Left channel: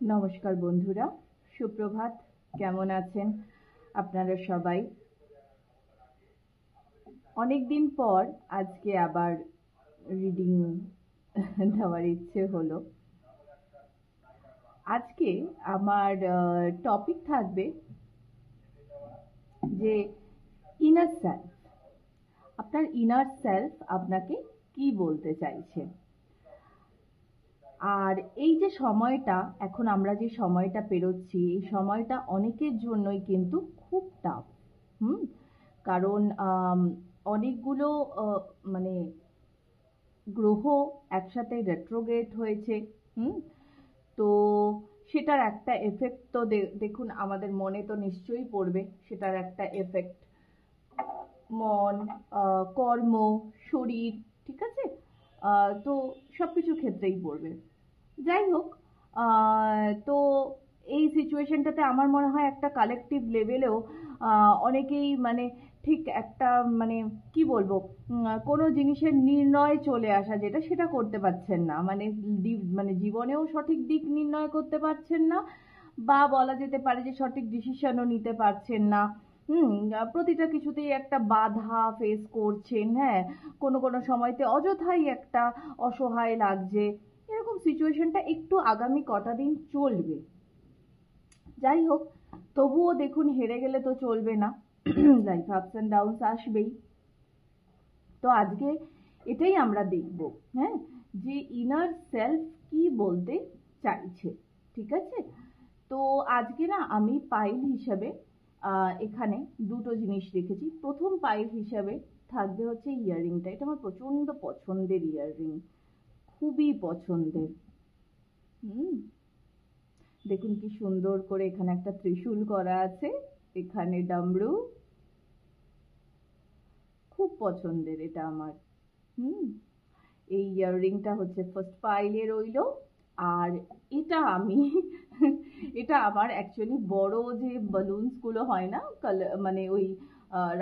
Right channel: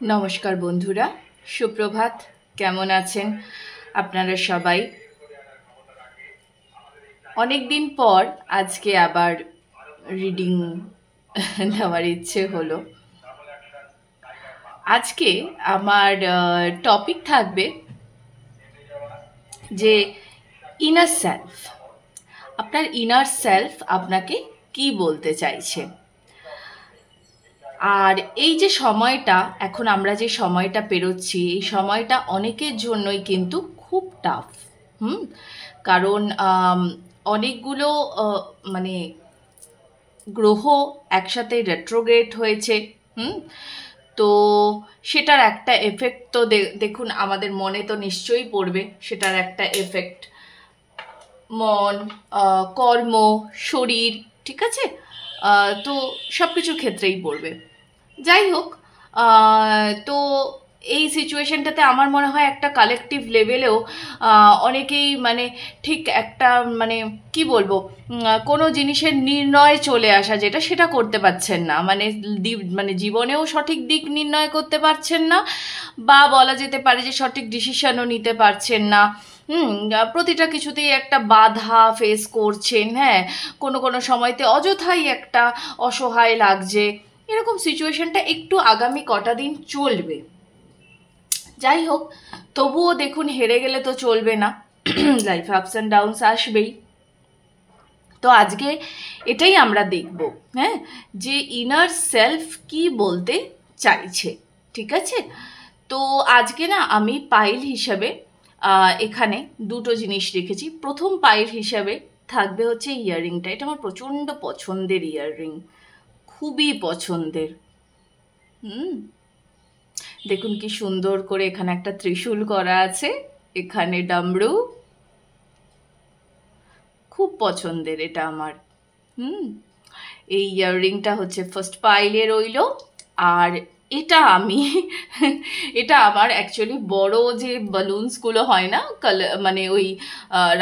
नमस्कार बंधुरा सुप्रभात केमन आছেন আপনারা সবাই অনেক দিন পর আজকে আবার রিডিং দেওয়ার ইচ্ছে হলো। আজকে আমার টপিক থাকবে যে ইনার সেলফ। আপনার ইনার সেলফ আপনাকে কি বলতে চাইছে। আর এই যে সময়টা এখন আমরা যে সময়টা পেরোচ্ছি এই সময়টা অনেকের জন্যই কিন্তু খুব টাফ। কারণ অনেকগুলো মানে গ্রহ একসাথে রেট্রোগ্রেড হয়েছে। তো সেটার একটা এফেক্ট তো দেখুন আমাদের মনে তো নিশ্চয়ই পড়বে। সেটার একটা এফেক্ট মন, কর্ম, শরীর, ঠিক আছে, তো সব কিছুর ক্ষেত্রেই পড়বে। যাই হোক, তো এই সিচুয়েশনটাতে আমার মনে হয় একটা কালেকটিভ লেভেলেও অনেকেই মানে ঠিক একটা মানে কি বলবো, কোনো জিনিসের নির্ণয় চলে আসা যেটা সেটা করতে পারছেন না, মানে জীবনেও সঠিক দিক নির্ণয় করতে পারছেন না, বা বলা যেতে পারে যে সঠিক ডিসিশনও নিতে পারছেন না। প্রতিটা কিছুতেই একটা বাধা ফেস করছেন। হ্যাঁ, কোনো সময়তে অযথাই একটা অসহায় লাগছে। এরকম সিচুয়েশনটা একটু আগামী কটা দিন চলবে। যাই হোক, তবুও দেখুন হেরে গেলে তো চলবে না, লাইফে আপস অ্যান্ড ডাউনস আসবেই। তো আজকে এটাই আমরা দেখব, হ্যাঁ, যে ইনার সেলফ কি বলতে চাইছে। ঠিক আছে, তো আজকে না আমি পাইল হিসাবে এখানে দুটো জিনিস রেখেছি। প্রথম পাইল হিসাবে থাকবে হচ্ছে ইয়াররিংটা। এটা আমার প্রচণ্ড পছন্দের ইয়াররিং, খুবই পছন্দের। দেখুন কি সুন্দর করে এখানে একটা ত্রিশূল করা আছে, এখানে ডামরু, খুব পছন্দের এটা আমার। এই ইয়াররিংটা হচ্ছে ফার্স্ট পাইলে রইল। আর এটা আমি এটা আমার অ্যাকচুয়ালি বড় যে বালুনসগুলো হয় না, মানে ওই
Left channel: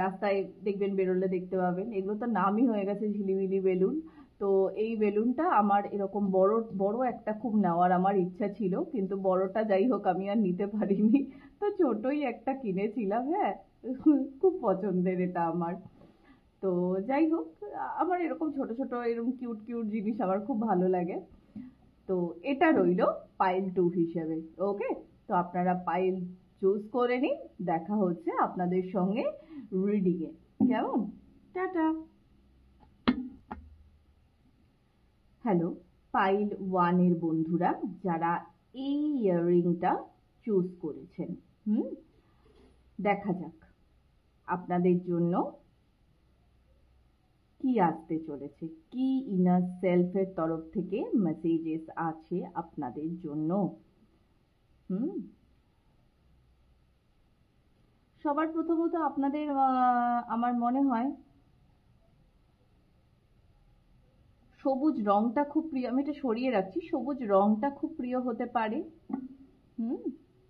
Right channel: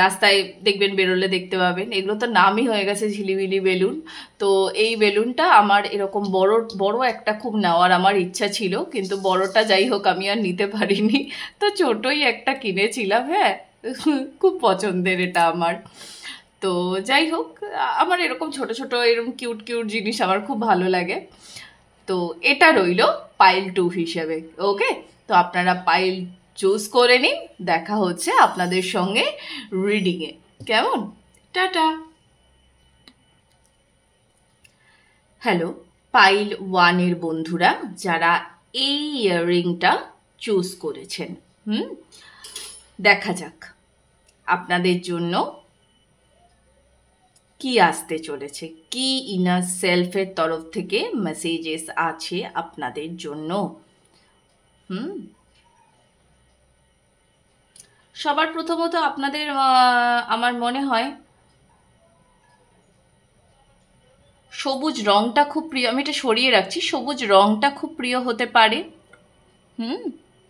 রাস্তায় দেখবেন বেরোলে দেখতে পাবেন, এগুলো তো নামই হয়ে গেছে ঝিলিমিলি বেলুন। তো এই বেলুনটা আমার এরকম বড় বড় একটা খুব নেওয়ার আমার ইচ্ছা ছিল, কিন্তু বড়টা যাই হোক আমি আর নিতে পারিনি, তো ছোটই একটা কিনেছিলাম। হ্যাঁ, খুব পছন্দের এটা আমার। তো যাই হোক, আমার এরকম ছোট ছোট এরকম কিউট কিউট জিনিস আমার খুব ভালো লাগে। তো এটা রইল পাইল 2 হিসেবে। ওকে, তো আপনারা পাইল চুজ করে নিন। দেখা হচ্ছে আপনাদের সঙ্গে রিডিংয়ে। কেমন? টাটা। হ্যালো পাইল 1 এর বন্ধুরা, যারা এই ইয়াররিংটা চুজ করেছেন, দেখা যাক আপনাদের জন্য কি আসতে চলেছে, কি ইনার সেলফের তরফ থেকে মেসেজেস আছে আপনাদের জন্য। সবার প্রথমত আপনাদের আমার মনে হয় সবুজ রংটা খুব প্রিয়। আমি এটা সরিয়ে রাখছি। সবুজ রংটা খুব প্রিয় হতে পারে,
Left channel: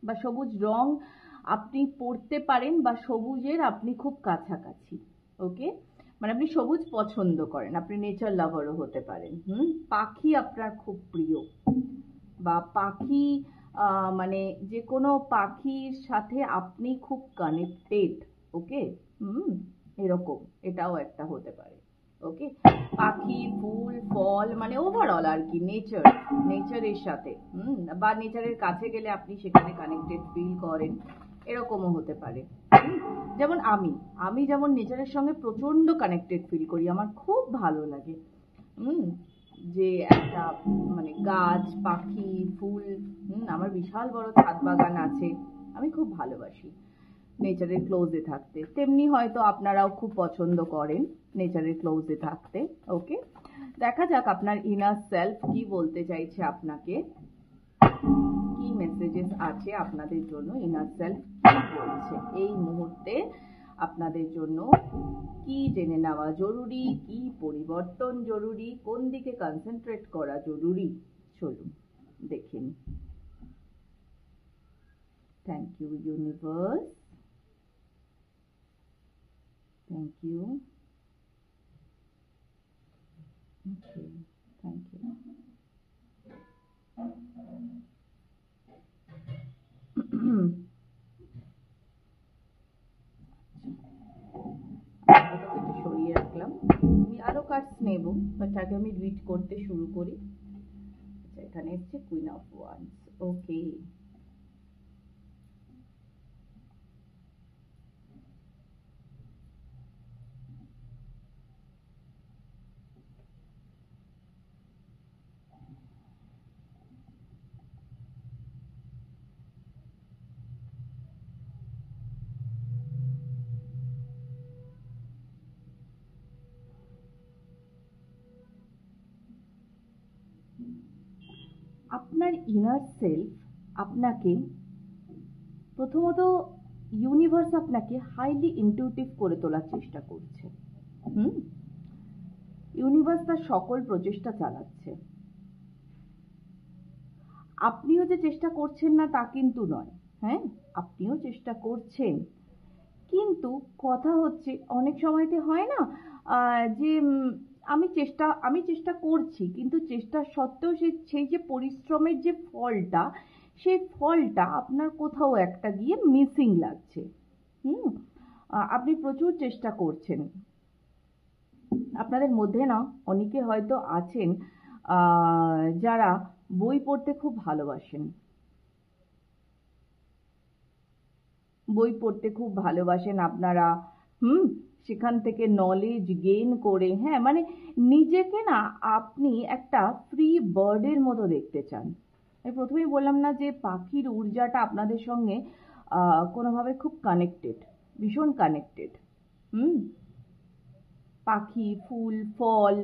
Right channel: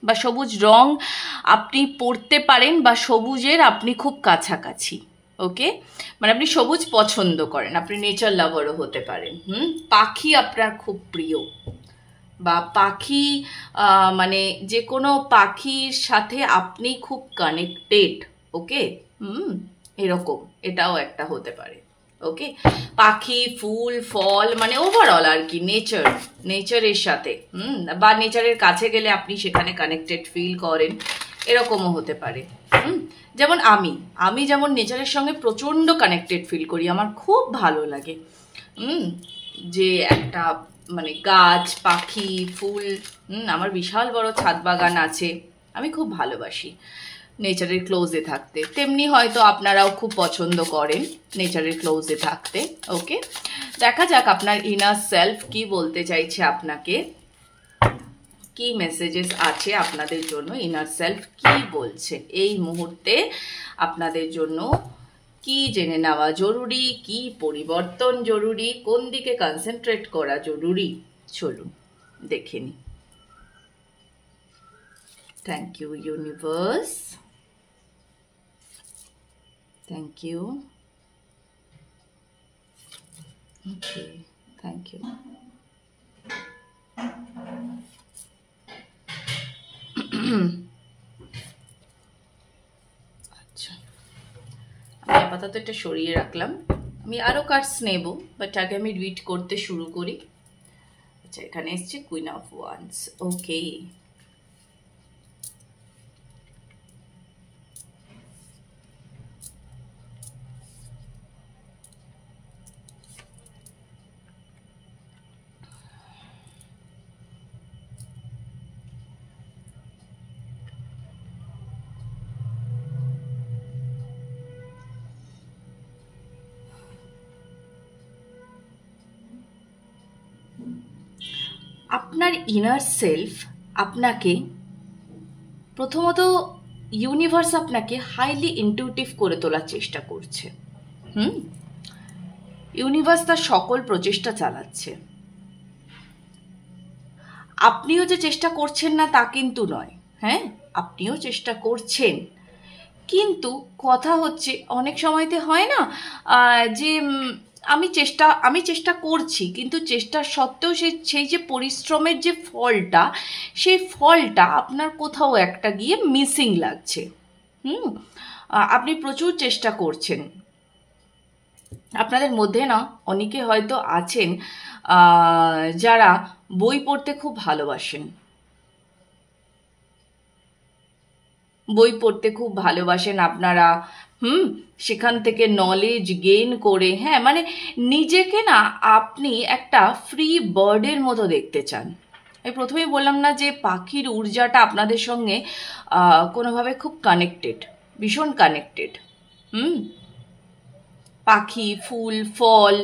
বা সবুজ রং আপনি পড়তে পারেন, বা সবুজের আপনি খুব কাছাকাছি। ওকে, মানে আপনি সবুজ পছন্দ করেন, আপনি নেচার লাভারও হতে পারেন। পাখি আপনার খুব প্রিয়, বা পাখি মানে যে কোনো পাখির সাথে আপনি খুব কানেক্টেড। ওকে, এরকম এটাও একটা হতে পারে। ওকে, পাখি, ফুল, ফল, মানে ওভারঅল আর কি নেচারের সাথে, বা নেচারের কাছে গেলে আপনি সেখানে কানেক্টেড ফিল করেন, এরকমও হতে পারে। যেমন আমি যেমন নেচারের সঙ্গে প্রচণ্ড কানেক্টেড ফিল করি, আমার খুব ভালো লাগে। যে একটা মানে গাছ, পাখি, ফুল, আমার বিশাল বড় ছাদ বাগান আছে, আমি খুব ভালোবাসি নেচারের ক্লোজে থাকতে। তেমনি হয়তো আপনারাও খুব পছন্দ করেন নেচারের ক্লোজে থাকতে। ওকে, দেখা যাক আপনার ইনার সেলফ কি বলতে চাইছে আপনাকে, কি মেসেজেস আছে আপনাদের জন্য, ইনার সেলফ কি বলছে এই মুহূর্তে আপনাদের জন্য, কি জেনে নেওয়া জরুরি, কি পরিবর্তন জরুরি, কোন দিকে কনসেন্ট্রেট করা জরুরি। চলুন দেখে নিই। Thank you universe, thank you. Okay, thank you. আচ্ছা, আমি আপাতত এটা সরিয়ে রাখলাম। আমি আরও কার্ডস নেব, বাট আগে আমি রিড করতে শুরু করি। আচ্ছা, এখানে এসছে কুইন অফ ওয়ান্স। ওকে, আপনার ইনার সেলফ আপনাকে, প্রথমত ইউনিভার্স আপনাকে হাইলি ইনটিউটিভ করে তোলার চেষ্টা করছে। ইউনিভার্স তার সকল প্রচেষ্টা চালাচ্ছে। আপনিও যে চেষ্টা করছেন না তা কিন্তু নয়, হ্যাঁ, আপনিও চেষ্টা করছেন, কিন্তু কথা হচ্ছে অনেক সময়তে হয় না যে আমি চেষ্টা করছি, কিন্তু চেষ্টা সত্ত্বেও সেই যে পরিশ্রমের যে ফলটা, সেই ফলটা আপনার কোথাও একটা গিয়ে মিসিং লাগছে। আপনি প্রচুর চেষ্টা করছেন। আপনাদের মধ্যে না অনেকে হয়তো আছেন যারা বই পড়তে খুব ভালোবাসেন, বই পড়তে খুব ভালোবাসেন আপনারা। সেখান থেকে নলেজ গেইন করে, হ্যাঁ, মানে নিজেকে না আপনি একটা ফ্রি বার্ডের মতো দেখতে চান। আমি প্রথমেই বললাম না যে পাখির ঊর্জাটা আপনাদের সঙ্গে কোনোভাবে খুব কানেক্টেড, ভীষণ কানেক্টেড। পাখি, ফুল, ফল,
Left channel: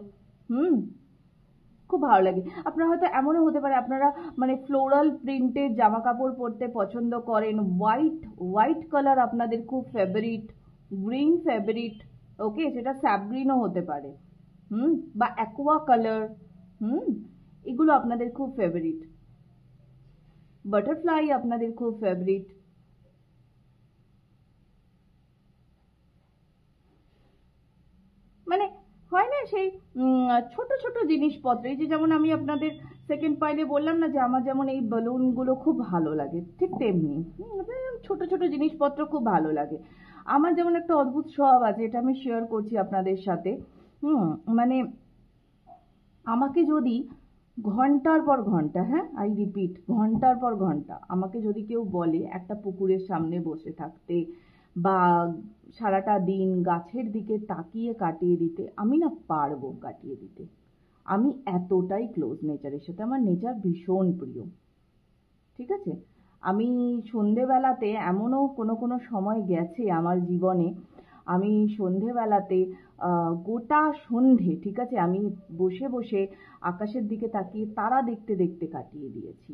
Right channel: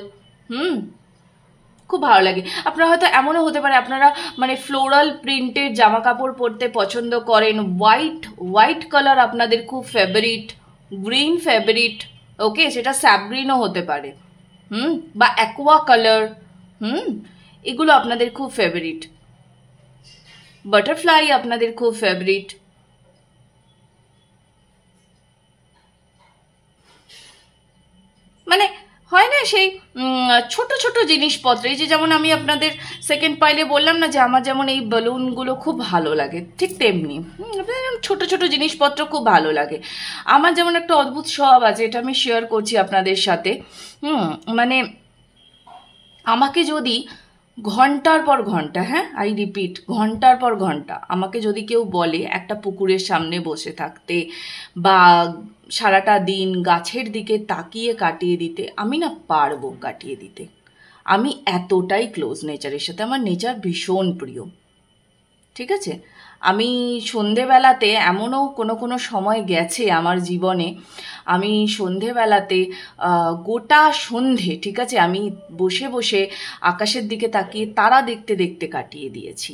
খুব ভালো লাগে। আপনারা হয়তো এমনও হতে পারে আপনারা মানে ফ্লোরাল প্রিন্টের জামা কাপড় পরতে পছন্দ করেন, হোয়াইট কালার আপনাদের খুব ফেভারিট, গ্রিন ফেভারিট, ওকে, সেটা স্যাবগ্রিনও হতে পারে, বা অ্যাকোয়া কালার, এগুলো আপনাদের খুব ফেভারিট। বাটারফ্লাই আপনাদের খুব ফেভারিট। মানে হয় না সেই ছোট ছোট জিনিসপত্র, এই যে যেমন আমি আপনাদের সেকেন্ড পাইলে বললাম না যে আমার যেমন এই বেলুনগুলো খুব ভালো লাগে, ঠিক তেমনি ছোট ছোট জিনিসপত্র খুব ভালো লাগে। আমার যেমন একটা অদ্ভুত স্বভাব আছে, এটা আমি শেয়ার করছি আপনাদের সাথে। মানে আমাকে যদি ঘন্টার পর ঘন্টা, হ্যাঁ, আই রিপিট, ঘন্টার পর ঘন্টা আমাকে যদি কেউ বলে একটা পুকুরের সামনে বসে থাকতে বা সারাটা দিন গাছের দিকে তাকিয়ে কাটিয়ে দিতে, আমি না পারবো কাটিয়ে দিতে। আমি এতটাই ক্লোজ নেচারের সাথে, আমার নেচার ভীষণ প্রিয়, ঠিক আছে। আমি সন্ধেবেলাতে এমনও কোনো সময় গেছে আমার জীবনে, আমি সন্ধেবেলাতে গোটা সন্ধে, ঠিক আছে, আমি বসে বসে আকাশের দিকে তাকিয়ে তারা দেখতে দেখতে কাটিয়ে দিয়েছি।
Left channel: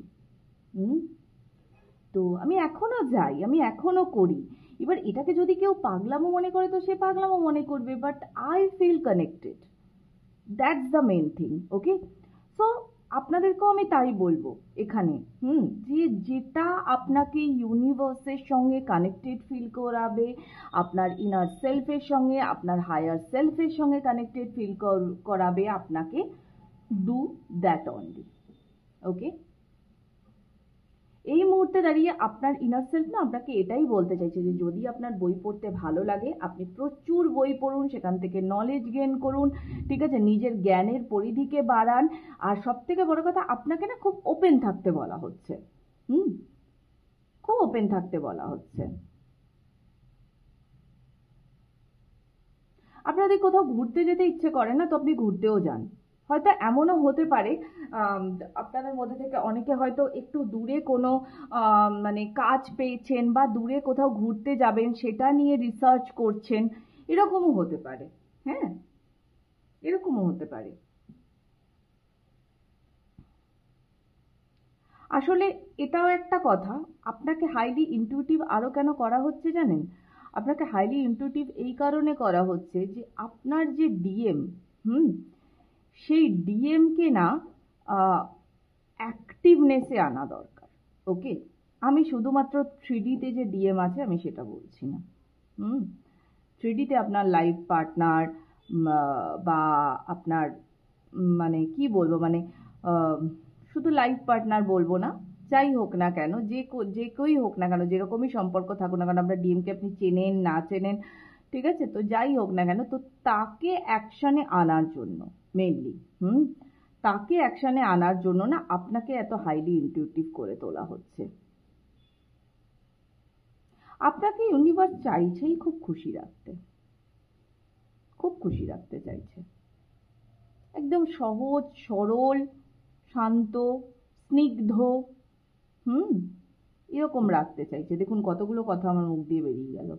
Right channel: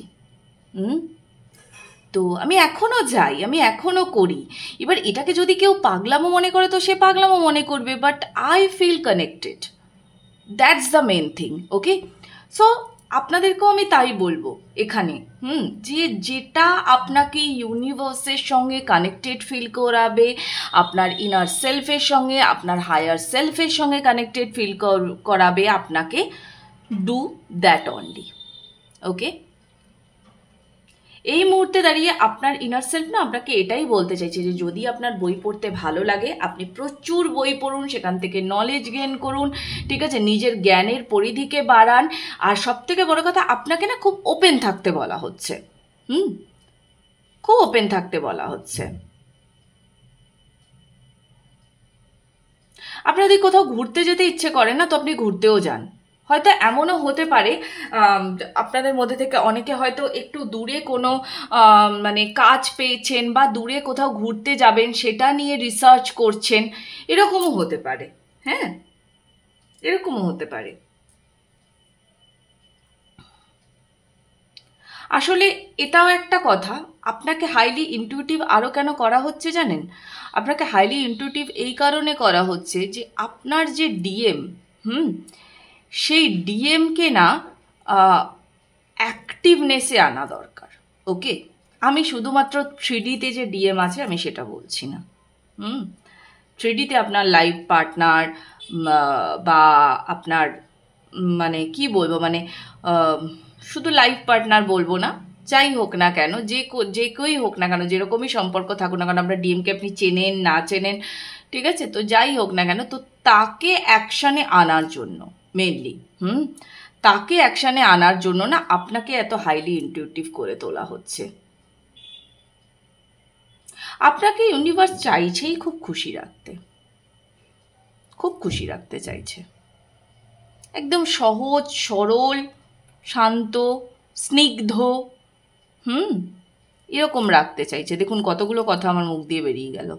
তো আমি এখনও যাই, আমি এখনও করি। এবার এটাকে যদি কেউ পাগলামো মনে করে তো সে পাগলামো মনে করবে, but I feel connected, that's the main thing, okay. So আপনাদেরকেও আমি তাই বলবো এখানে, যে যেটা আপনাকে ইউনিভার্সের সঙ্গে কানেক্টেড ফিল করাবে, আপনার ইনার সেলফের সঙ্গে, আপনার হায়ার সেলফের সঙ্গে কানেক্টেড ফিল করাবে, আপনাকে ডু দ্যাট অনলি, ওকে। এই মুহূর্তে দাঁড়িয়ে আপনার ইনার সেলফ না আপনাকে এটাই বলতে চাইছে যে যদি আপনার বই পড়তে ভালো লাগে, আপনি প্রচুর বই পড়ুন, সেখান থেকে নলেজ গেইন করুন, ঠিক আছে, নিজের জ্ঞানের পরিধিকে বাড়ান। আর সব থেকে বড় কথা, আপনাকে না খুব ওপেন থাকতে বলা হচ্ছে, খুব ওপেন থাকতে বলা হচ্ছে। আপনার যদি কোথাও ঘুরতে যেতে ইচ্ছে করে না, তো আপনি ঘুরতেও যান। হয়তো এমনও হতে পারে আপনাদের মধ্যে থেকে অনেকে হয়তো একটু দূরে কোনো মানে কাজ পেয়েছেন বা দূরে কোথাও ঘুরতে যাবেন সেটা নিয়ে রিসার্চ করছেন, এরকমও হতে পারে, হ্যাঁ, এরকমও হতে পারে। আসলে এটাও একটা কথা, আপনাকে হাইলি ইনটিউটিভ আরও কেন করা হচ্ছে জানেন? আপনাকে হাইলি ইনটিউটিভ এই কারণে করা হচ্ছে যে আপনার যে ডিএম, সেই ডিএমকে না অ্যাক্টিভনেসে আনা দরকার, ওকে। আমি শুধুমাত্র 3Dতে যে ডিএম আছে আমি সেটা বলছি না। 3Dতে আপনার লাইফ পার্টনার বা আপনার মানে কি বলবো, মানে শুধু লাইফ পার্টনার বলবো না, যাই হোক না কেন, যে কেউই হোক না কেন, যেরকমই সম্পর্ক থাকুক না কেন, আমরা ডিএমকে আপনি চেনেন না চেনেন, ঠিক আছে, তো যাই হোক না কেন, তো তাকে অ্যাকশানে আনার জন্য মেনলি, তাকে অ্যাকশানে আনার জন্য না আপনাকে এত হাইলি ইনটিউটিভ করে তোলা হচ্ছে। আপনাকে ইউনিভার্স চাইছেই খুব খুশি রাখতে, খুব খুশি রাখতে চাইছে, একদম সহজ সরল শান্ত স্নিগ্ধ এরকম রাখতে চাইছে। দেখুন কতগুলো কথা আমার মুখ দিয়ে বেরিয়ে গেল।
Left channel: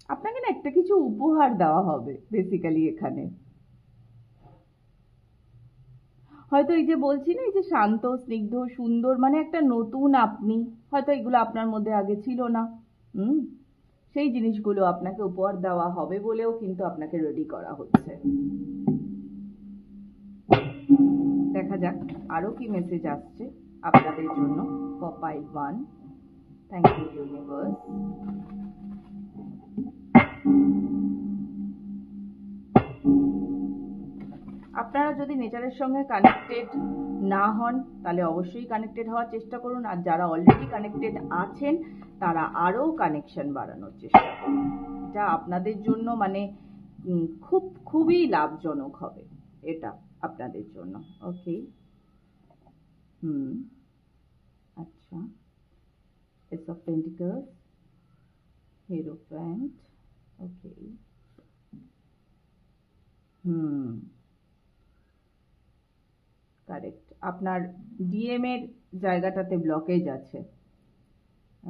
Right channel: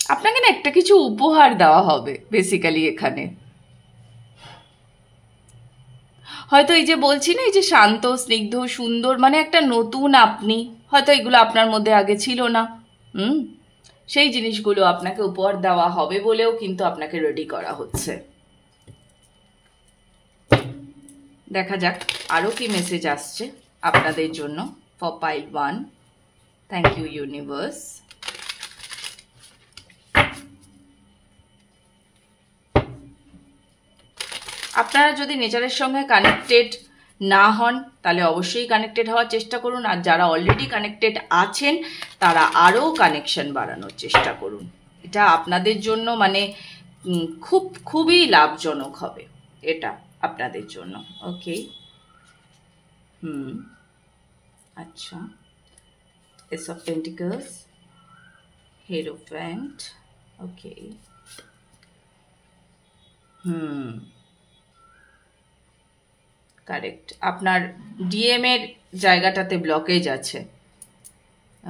আপনাকে না একটা কিছু উপহার দেওয়া হবে বেসিক্যালি এখানে। হয়তো এই যে বলছি না, এই যে শান্ত স্নিগ্ধ সুন্দর, মানে একটা নতুন আপনি, হয়তো এগুলো আপনার মধ্যে আগে ছিল না, সেই জিনিসগুলো আপনাকে উপহার দেওয়া হবে বলেও কিন্তু আপনাকে রেডি করা হচ্ছে। দেখা যাক আরও কি মেসেজ আসছে আপনাদের জন্য for pile 1। Thank you universe. আপনারা যদি নেচারের সঙ্গে কানেক্টেড না হন তাহলে অবশ্যই কানেক্টেড হওয়ার চেষ্টা করুন, আর যারা অলরেডি কানেক্টেড আছেন তারা আরও কানেকশন বাড়ানোর চেষ্টা করুন। এটা আপনাদের জন্য মানে খুবই লাভজনক হবে এটা আপনাদের জন্য। ওকে, আচ্ছা, ace of pentacles, hierophant, okay, correct, আপনার ডিএম এর জায়গাটাতে ব্লকেজ আছে।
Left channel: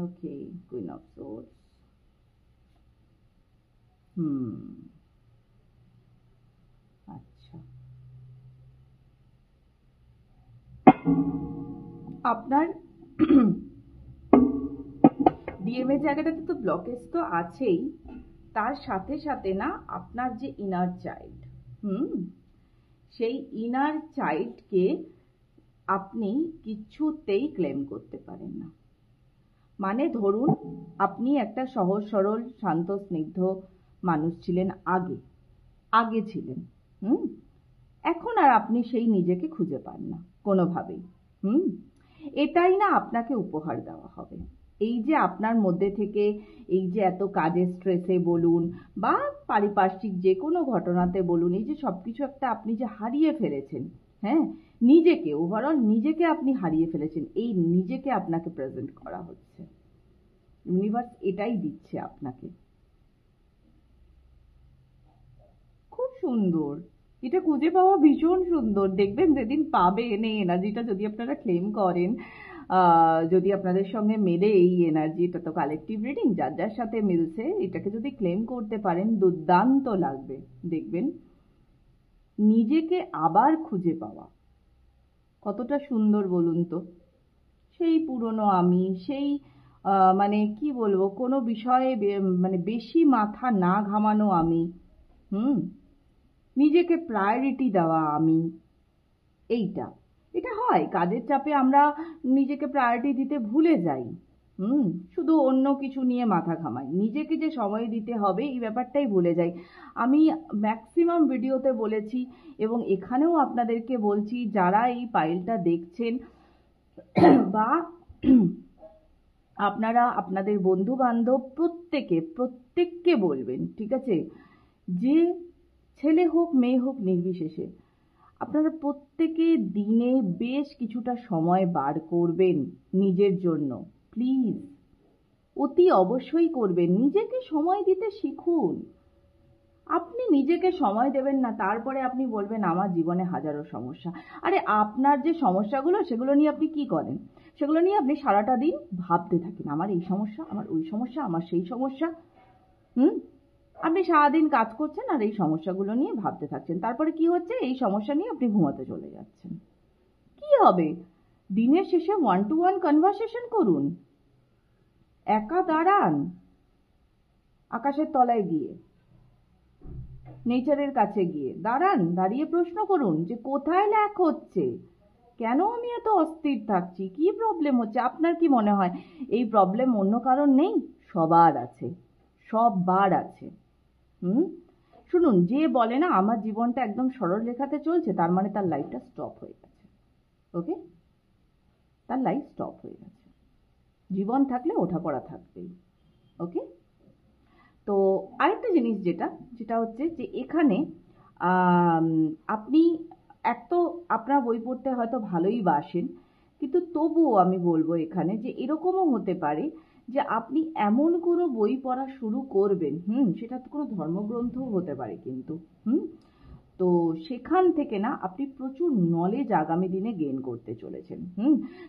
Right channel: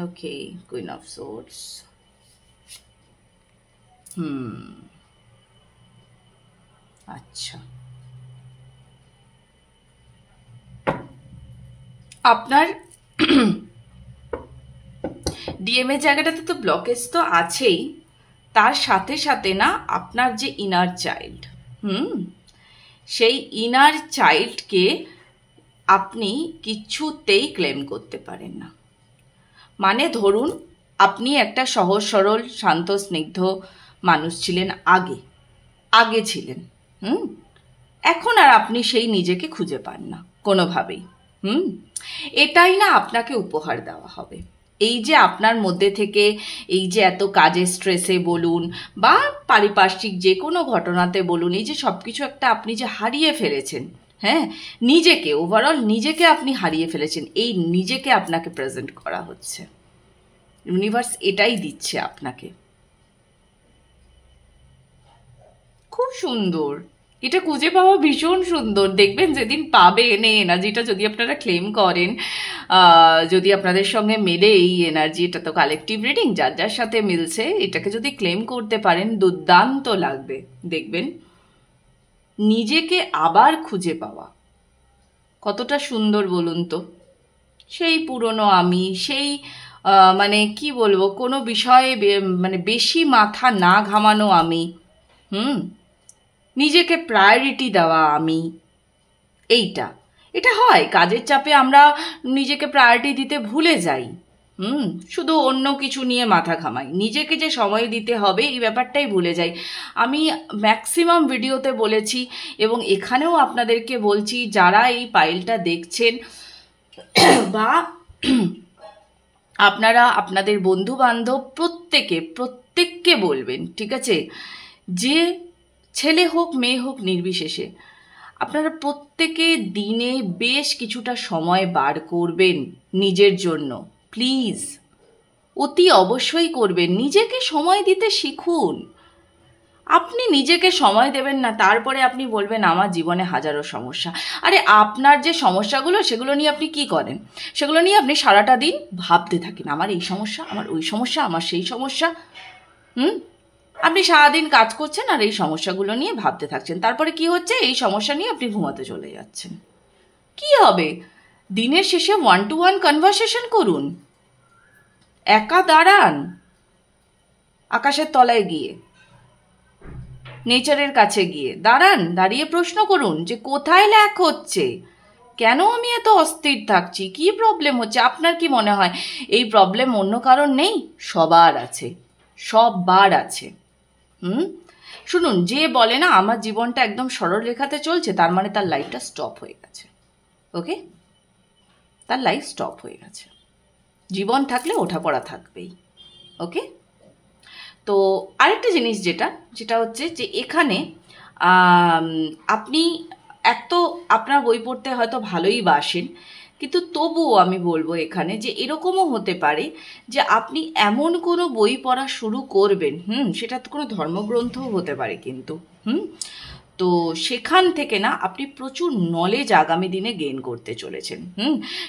ওকে, কুইন অফ সোর্ডস, আচ্ছা, আপনার ডিএম এর জায়গাটাতে তো ব্লকেজ তো আছেই, তার সাথে সাথে না আপনার যে ইনার চাইল্ড, সেই ইনার চাইল্ডকে আপনি কিছুতেই ক্লেম করতে পারেন না। মানে ধরুন আপনি একটা সহজ সরল শান্ত স্নিগ্ধ মানুষ ছিলেন, আগে ছিলেন, এখন আর আপনি সেই নিজেকে খুঁজে পান না কোনোভাবেই। এটাই না আপনাকে উপহার দেওয়া হবে। এই যে আপনার মধ্যে থেকে এই যে এত কাজের স্ট্রেসে বলুন বা পারিপার্শ্বিক যে কোনো ঘটনাতে বলুন, এই যে সব কিছু একটা আপনি যে হারিয়ে ফেলেছেন, নিজেকে, ওভারঅল নিজেকে আপনি হারিয়ে ফেলেছেন, এই নিজেকে আপনাকে প্রেজেন্ট করা হচ্ছে। ইউনিভার্স এটাই দিচ্ছে আপনাকে। খুব সুন্দর, এটা খুঁজে পাওয়া ভীষণ সুন্দর। দেখবেন যেদিন পাবেন এই এনার্জিটা, যদি আপনারা ক্লেম করেন, যদি আপনাদের সঙ্গে মেলে এই এনার্জি, এটা তো কালেকটিভ রিডিং, যার যার সাথে মিলছে, এটাকে যদি ক্লেম করতে পারেন দুর্দান্ত লাগবে। দেখবেন নিজেকে আবার খুঁজে পাওয়া কতটা সুন্দর বলুন তো। সেই পুরনো আমি, সেই মানে কি বলবো, কোনো বিষয়ে মানে বেশি মাথা না ঘামানো আমি, নিজেকে প্রায়োরিটি দেওয়া আমি, এটা হয় কাজের চাপে আমরা নিজেকে প্রায়োরিটি দিতে ভুলে যাই, শুধু অন্য কিছু নিয়ে মাথা ঘামাই, নিজেকে যে সময় দিতে হবে এই ব্যাপারটাই ভুলে যাই। আমি ম্যাক্সিমাম ভিডিওতে বলেছি এবং এখানেও আপনাদেরকে বলছি, যারা এই পাইলটা দেখছেন বা আপনারা আপনাদের বন্ধু বান্ধব প্রত্যেককে বলবেন, ঠিক আছে, যে ছেলে হোক মেয়ে হোক নির্বিশেষে আপনারা প্রত্যেকে দিনে বেশ কিছুটা সময় বার করবেন নিজের জন্য, প্লিজ, অতি অবশ্যই করবেন। নিজেকে সময় দিতে শিখুন। আপনি নিজেকে সময় দেবেন না, তারপরে আপনি বলবেন আমার জীবনে হাজারো সমস্যা। আরে আপনার যে সমস্যাগুলো, সেগুলো নিয়ে আপনি কি করেন? সেগুলো নিয়ে আপনি সারাটা দিন ভাবতে থাকেন, আমার এই সমস্যা, আমার ওই সমস্যা, আমার সেই সমস্যা। আপনি সারাদিন কাজ করছেন আর এই সমস্যাগুলো নিয়ে ভাবতে থাকছেন, তারপরে কি হচ্ছে, এই সমস্যা নিয়ে আপনি ঘুমাতে চলে যাচ্ছেন। কি হবে? দিনের শেষে 1-to-1 কনভারসেশন করুন, একা দাঁড়ান আকাশের তলায় গিয়ে, নেচারের কাছে গিয়ে দাঁড়িয়ে প্রশ্ন করুন যে কোথায় ল্যাক হচ্ছে, কেন আমি এত অস্থির থাকছি, কি প্রবলেম হচ্ছে। আপনার কি মনে হয় এই প্রবলেম অন্য কারণ নেই? সবার আছে। শুনুন, যে বলে না আমার জীবনটা একদম সরল রেখাতে চলছে, তার মানে তার লাইফটা স্টপ হয়ে গেছে। ওকে, তার লাইফ স্টপ হয়ে গেছে। জীবন থাকলে ওঠাপড়া থাকবেই। ওকে, তো আরেকটা জিনিস যেটা হচ্ছে যে এখানে আপনি আপনার বই পড়তে হয়তো ভালোই বাসেন, কিন্তু তবুও আমি বলবো এখানে যে এরকমও হতে পারে যে আপনি এমন কোনো বই পড়া শুরু করবেন, সেটা তো কোনো ধর্মগ্রন্থও হতে পারে কিন্তু, তো সেখান থেকে না আপনি প্রচুর নলেজ আগামী দিনে গেইন করতে চলেছেন।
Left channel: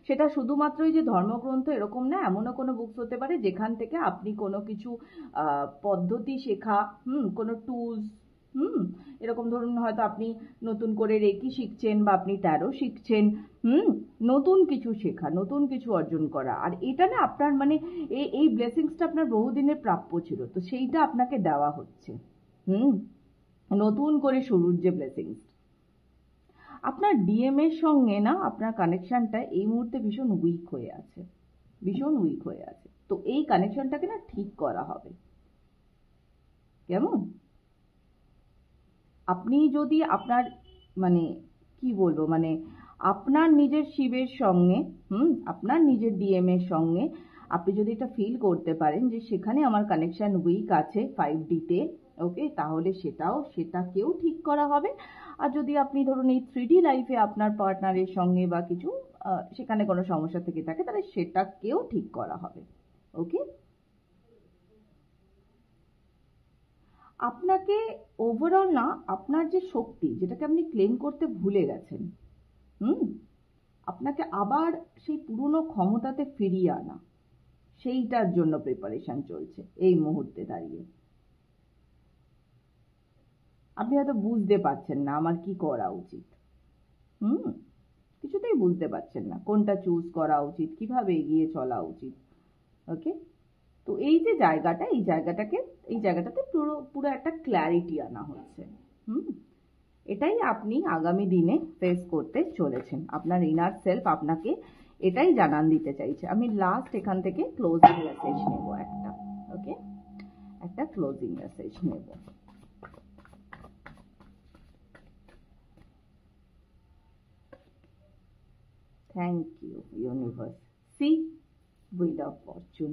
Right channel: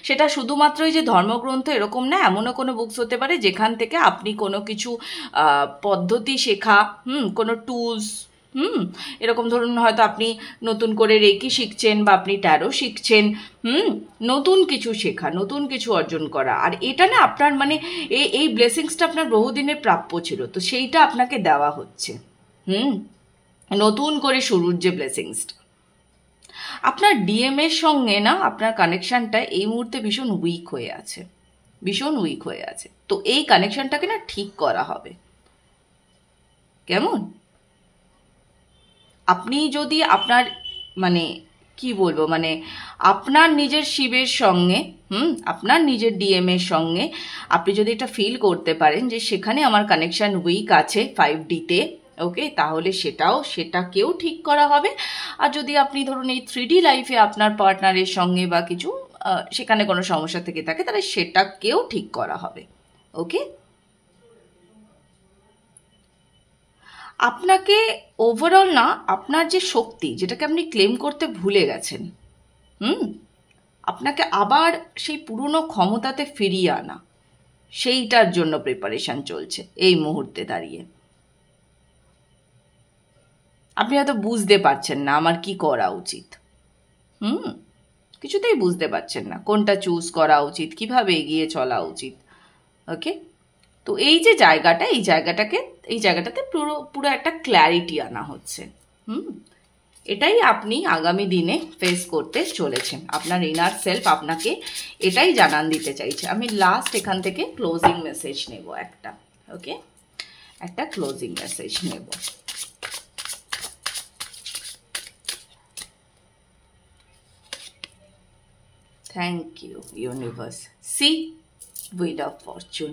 সেটা শুধুমাত্রই যে ধর্মগ্রন্থ এরকম না, এমনও কোনো বুকস হতে পারে যেখান থেকে আপনি কোনো কিছু পদ্ধতি শেখা, কোনো টুলস, এরকম ধরুন হয়তো আপনি নতুন করে রেকি শিখছেন বা আপনি ট্যারো শিখছেন, নতুন কিছু শেখা, নতুন কিছু অর্জন করা। আর এটা না আপনার মানে এই ব্লেসিংসটা আপনার বহুদিনের প্রাপ্য ছিল, তো সেইটা আপনাকে দেওয়া হচ্ছে। নতুন করে শুরুর যে ব্লেসিংসটা। আপনার ডিএমের সঙ্গে না আপনার কানেকশানটা এই মুহূর্তে ভীষণ উইক হয়ে আছে, ভীষণ উইক হয়ে আছে। তো এই কানেকশানটাকে না ঠিক করা হবে। কেমন? আপনি যদি আপনার মানে কি বলবো, মানে আপনার নিজের শিবের সঙ্গে আপনার নিজের ডিএমের সঙ্গে আপনি যদি এটা ফিল করতে পারেন যে সেখানে আমার কানেকশান উইক আছে 5Dতে, ওকে, তাহলে সেটাকেও ঠিক করা হবে। আর যদি আপনি ধরুন এই 3D লাইফে আপনার পার্টনারের সঙ্গে বা কিছু সেখানে কোনো সমস্যা থেকে থাকে, তাহলে সেটাকেও ঠিক করা হবে। ওকে, আপনাকে ওভারঅল না আপনার যে শক্তি, যেটাকে আপনি ক্লেম করতে ভুলে গেছেন, আপনাকে আবার সেই পুরনো ক্ষমতাতে ফিরিয়ে আনা, সেইটার জন্য প্রিপারেশন চলছে এই মুহূর্তে দাঁড়িয়ে। আপনি হয়তো বুঝতে পারছেন না আমার কি করা উচিত, কিছুতেই বুঝতে পারছেন না কোনটা চুজ করা উচিত, কিভাবে এগিয়ে চলা উচিত। ওকে, তো এই যে এই জায়গাটাতে পুরো একটা ক্ল্যারিটি আনা হচ্ছে। এটাই আপনি আগামী দিনে ফেস করতে চলেছেন। আপনার ইনার সেলফ আপনাকে এটাই জানান দিতে চাইছে। আমি লাস্ট এখান থেকে ক্লোজিং মেসেজ নেব একটা। ওকে, একটা ক্লোজিং মেসেজ নেব। Thank you universe. See wheel of fortune.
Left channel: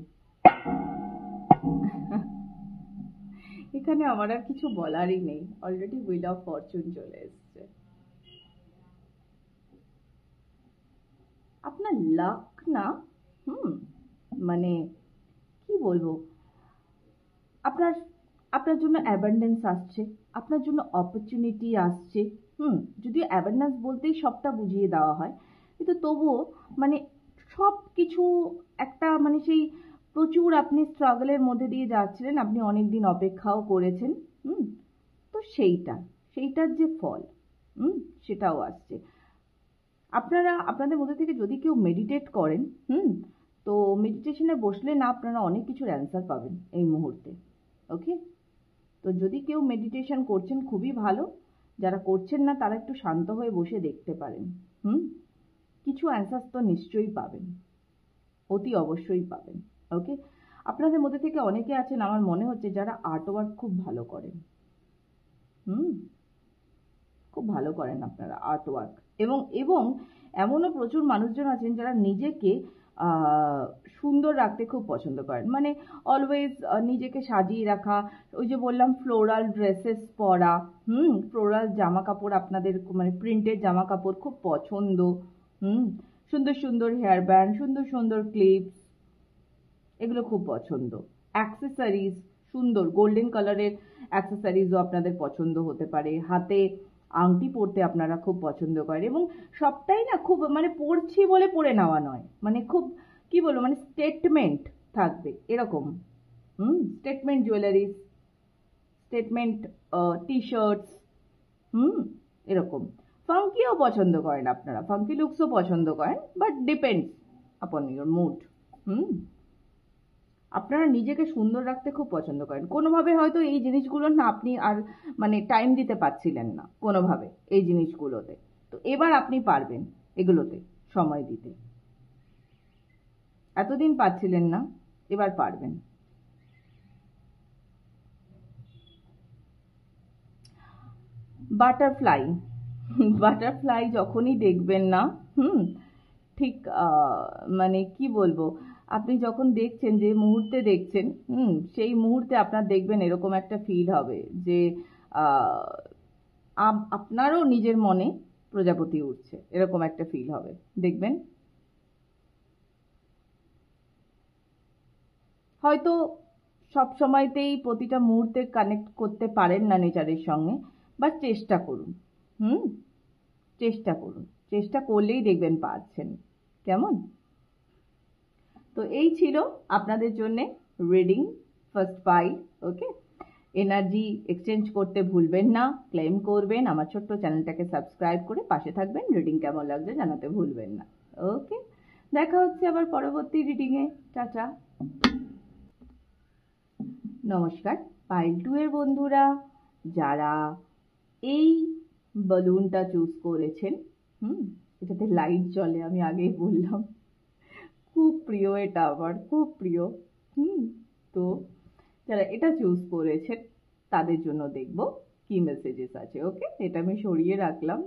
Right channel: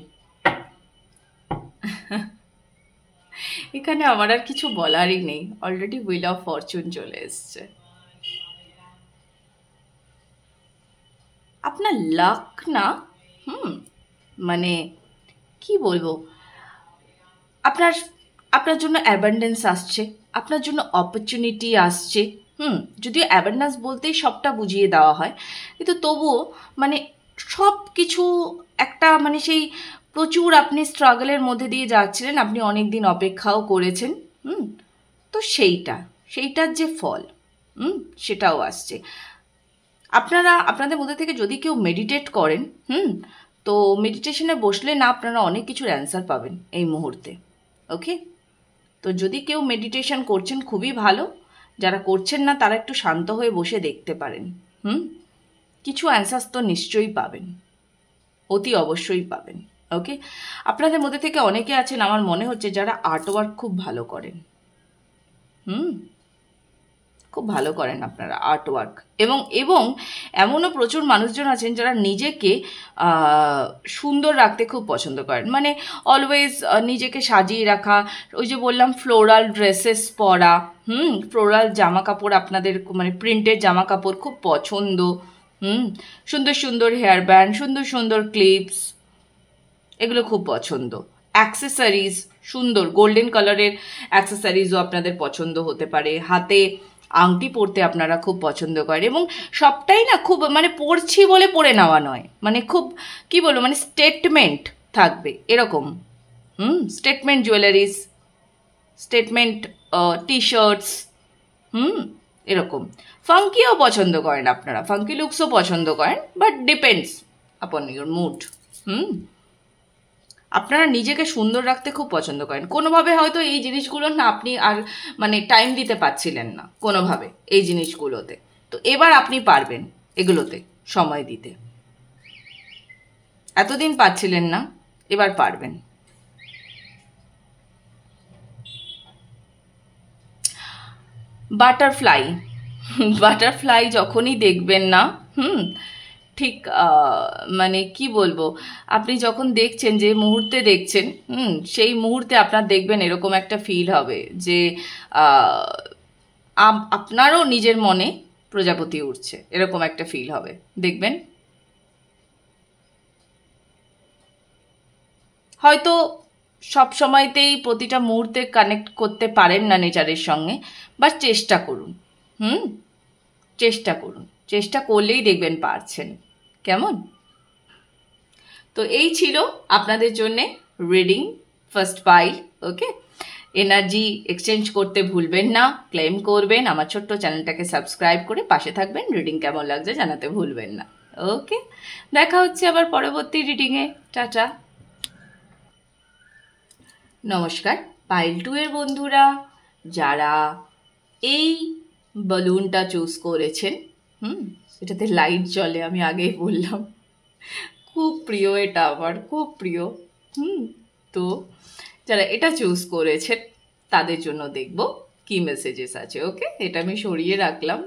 এখানে আমার আর কিছু বলারই নেই, অলরেডি হুইল অফ ফরচুন চলে এসছে। আপনার লাক না, মানে কি বলবো, আপনার জন্য অ্যাবান্ডেন্স আসছে, আপনার জন্য অপরচুনিটি আসছে। যদিও অ্যাবান্ডেন্স বলতেই সবটা বুঝিয়ে দেওয়া হয়, কিন্তু তবুও মানে সব কিছু একটা মানে সেই প্রচুর আপনি স্ট্রাগলের মধ্যে দিয়ে যাচ্ছিলেন, আপনি অনেক দিন অপেক্ষাও করেছেন, তো সেইটার যে ফল সেটাও আসছে। আপনাদের মধ্যে থেকে যদি কেউ মেডিটেট করেন, তো মেডিটেশনে বসলে না আপনারা অনেক কিছুর অ্যান্সার পাবেন এই মুহূর্তে। ওকে, তো যদি কেউ মেডিটেশন করছেন খুবই ভালো, যারা করছেন না তারা একটু শান্ত হয়ে বসে দেখতে পারেন। কিছু অ্যান্সার্স তো নিশ্চয়ই পাবেন, অতি অবশ্যই পাবেন। ওকে, আপনাদের মধ্যে থেকে অনেকে আছেন আমার মনে হচ্ছে যারা আর্ট ওয়ার্ক খুব ভালো করেন। খুব ভালো করেন আপনারা আর্ট ওয়ার্ক, এবং এমনও প্রচুর মানুষজন আছেন যারা নিজেকে সুন্দর রাখতে খুব পছন্দ করেন, মানে অলওয়েজ নিজেকে সাজিয়ে রাখা। ওই যে বললাম ফ্লোরাল ড্রেসেস পরা, ফ্লোরাল জামা কাপড় আপনাদের মানে প্রিন্টেড জামা কাপড় খুব পছন্দ, সুন্দর সুন্দর হেয়ার ব্যান্ড, সুন্দর সুন্দর ক্লিপস, এগুলো খুব পছন্দ। অ্যাক্সেসরিজ, সুন্দর গোল্ডেন কালারের অ্যাক্সেসরিজও আপনাদের পছন্দ হতে পারে। হাতে আংটি পরতে আপনারা খুব পছন্দ করেন, এবং সবটাই না খুব মানে পরছি বলে পরে নেওয়া নয়, মানে খুব কি বলবো মানে স্টেটমেন্ট থাকবে এরকম। Statement jewelleries, statement T shirts, এরকম। ফাঙ্কিও পছন্দ করেন আপনারা, ফাঙ্কি লুকসও পছন্দ করেন, but depends upon your mood. আপনারা নিজেকে সুন্দর রাখতে খুব পছন্দ করেন। কোনোভাবে হয়তো এই জিনিসগুলো না আপনি আর মানে টাইম দিতে পারছিলেন না কোনোভাবে এই জিনিসগুলোতে, তো এবার আপনি পারবেন এগুলোতে সময় দিতে। এতদিন পাচ্ছিলেন না, এবার পারবেন। বাটারফ্লাই বাটারফ্লাই যখনই দেখবেন না, ঠিক মানে কি বলবো, আপনি যখন দেখছেন, যে মুহূর্তে দেখছেন, সেই মুহূর্তে আপনার দেখবেন এরকম একটা ফিল হবে যে আহ, আপনারও নিজের মনে প্রজাপতি উঠছে, এরকম একটা ফিল হবে, দেখবেন। হয়তো সব সময়তেই প্রতিটা মুহূর্তে কানেক্ট করতে পারেন না নেচারের সঙ্গে, বাট চেষ্টা করুন। হুম চেষ্টা করুন, চেষ্টা করলেই দেখবেন পারছেন। কেমন? তো এই ছিল আপনাদের জন্যে রিডিং ফার্স্ট পাইল। ওকে, এনার্জি এক্সচেঞ্জ করতে ভুলবেন না, ক্লেম করবেন, আমার ছোট্ট চ্যানেলটাকে সাবস্ক্রাইব করে পাশে থাকবেন, রিডিং কেমন লাগছে জানাতে ভুলবেন না। ওকে, দেখা হচ্ছে আবার পরবর্তী রিডিংয়ে। টাটা। নমস্কার পাইল 2 এর বন্ধুরা, যারা এই বালুনটা চুজ করেছেন, এটাতে লাইট জ্বলে, আমি আগেই বললাম, খুব প্রিয় এটা, আমার খুব প্রিয়। তো যারা এটা চুজ করেছেন তাদের জন্য দেখব কি মেসেজেস আছে। ওকে, এটা আমি সরিয়ে রাখলাম।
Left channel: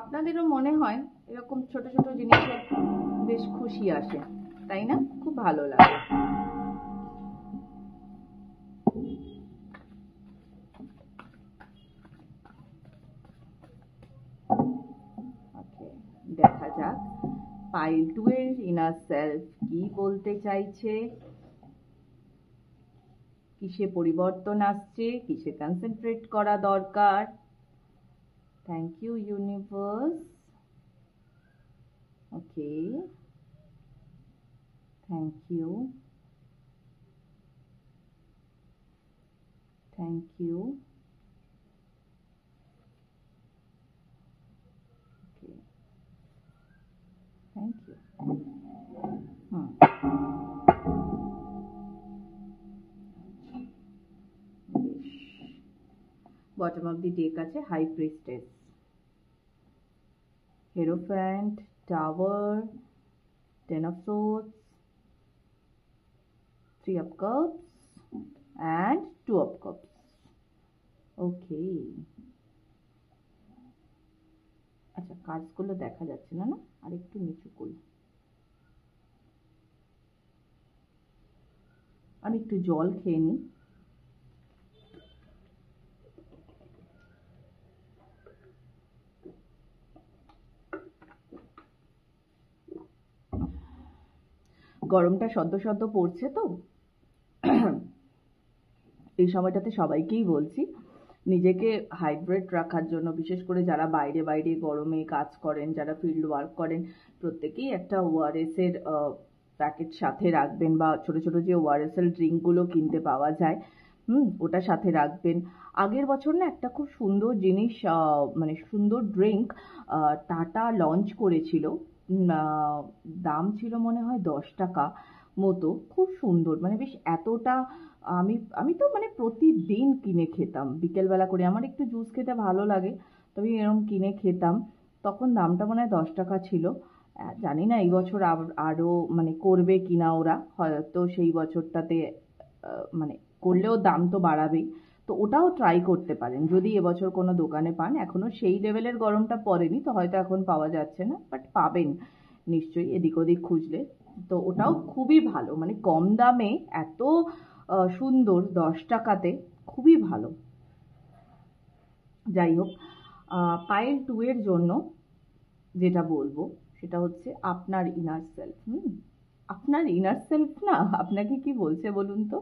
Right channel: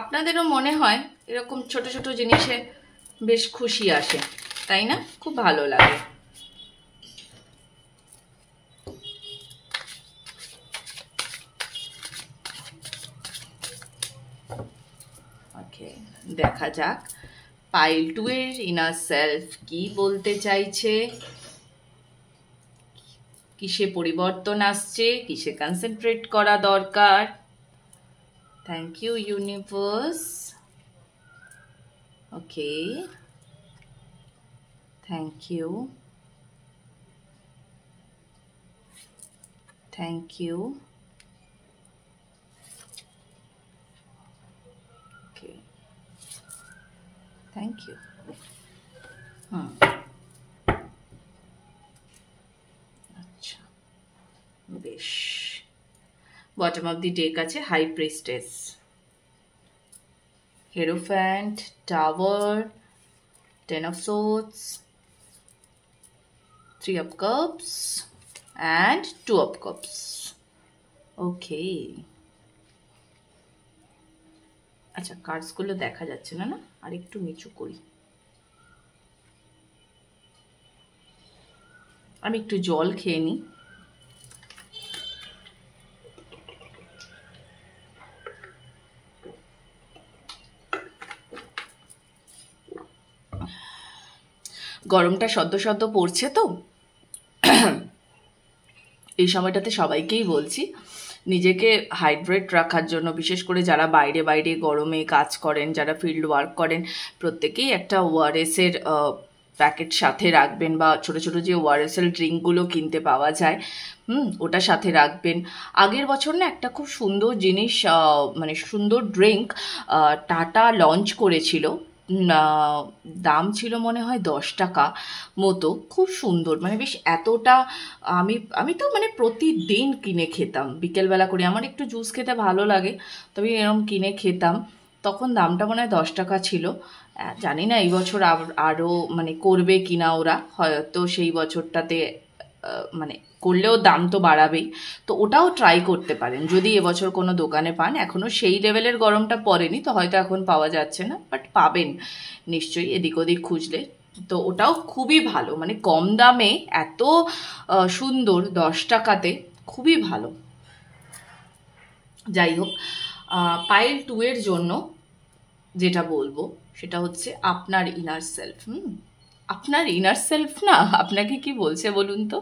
আপনাদেরও মনে হয় এরকম ছোট ছোট জিনিসে বেশ খুশি আসে, তাই না? খুব ভালো লাগে। ওকে, দেখা যাক পাইল 2 এর ইনার সেলফ কি বলতে চাইছে, কিসে পরিবর্তন আসছে, কিসে কনসেন্ট্রেট করা দরকার। Thank you universe. Okay, thank you, thank you. Okay, thank you. আচ্ছা, বেশ। বটম অফ দি ডেক আছে high priestess, hierophant, tower, 10 of swords, 3 of cups and 2 of cups. Okay. আচ্ছা, কার্ডসগুলো দেখা যাচ্ছে না, আর একটু নিচু করি। আমি একটু জল খেয়ে নিই। গরমটা সদ্য সদ্য পড়ছে, তো এই সময়টাতে সবাইকেই বলছি নিজেকে হাইড্রেট রাখার জন্য, বিশেষ করে যারা বাইরে বাইরে গরমে কাজ করেন, যারা ফিল্ড ওয়ার্ক করেন, প্রত্যেকেই একটা ওআরএসের প্যাকেট সাথে রাখবেন, বা ছোট ছোট যে ওআরএসএল ড্রিঙ্কগুলো কিনতে পাওয়া যায়, ওটা সাথে রাখবেন। আগের বছর না একটা খুব সুন্দর জিনিস, মানে সুন্দর ড্রিঙ্ক টাটা লঞ্চ করেছিল, দাম ছিল মনে হয় 10 টাকা মতো, খুব সুন্দর, মানে বেশ এতটা, আমি তো মানে প্রতিদিন কিনে খেতাম বিকেলবেলা করে, আমার একটু জুস খেতে ভালো লাগে, তবে এরকম কিনে খেতাম। তখন দামটা মনে হয় 10 টাকা ছিল। জানি না এই বছর আরও মানে করবে কিনা ওরা, হয়তো সেই বছরটাতে মানে করলেও দাম তো বাড়াবেই, তো ওটাও ট্রাই করতে পারেন যদি এবছর কোনো দোকানে পান। এখনও সেই লেভেলের গরমটা পড়েনি, তো হয়তো এখন পাওয়া যাচ্ছে না, বাট পাবেন নিশ্চয়ই এদিক ওদিক খুঁজলে। তো ওটাও খুবই ভালো, মানে কম দামে এত সুন্দর, 10 টাকাতে, খুবই ভালো। যাই হোক, পাইল 2 এর জন্য যেটা বলবো সেটা হচ্ছে আপনার ইনার সেলফ। আপনার ইনার সেলফ না আপনাকে কি বলছে বলুন তো?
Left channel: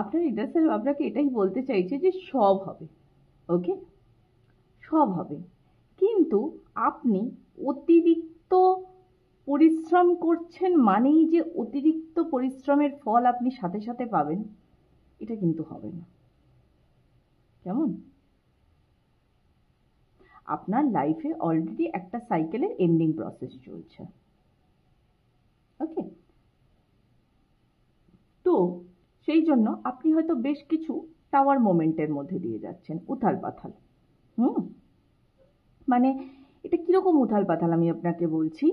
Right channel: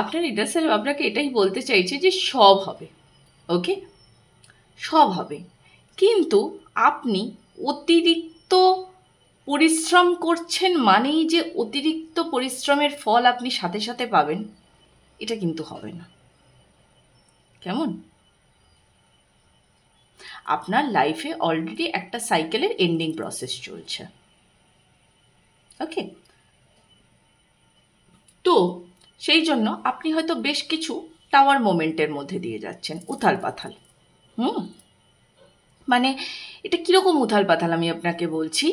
আপনার ইনার সেলফ আপনাকে এটাই বলতে চাইছে যে সব হবে, ওকে, সব হবে, কিন্তু আপনি অতিরিক্ত পরিশ্রম করছেন মানেই যে অতিরিক্ত পরিশ্রমের ফল আপনি সাথে সাথে পাবেন, এটা কিন্তু হবে না। কেমন? আপনার লাইফে অলরেডি একটা সাইকেলের এন্ডিং প্রসেস চলছে, ওকে, তো সেই জন্য আপনি হয়তো বেশ কিছু টাওয়ার মোমেন্টের মধ্যে দিয়ে যাচ্ছেন, উথাল পাথাল। হুম, মানে এটা কীরকম উথাল পাথাল আমি আপনাকে বলছি।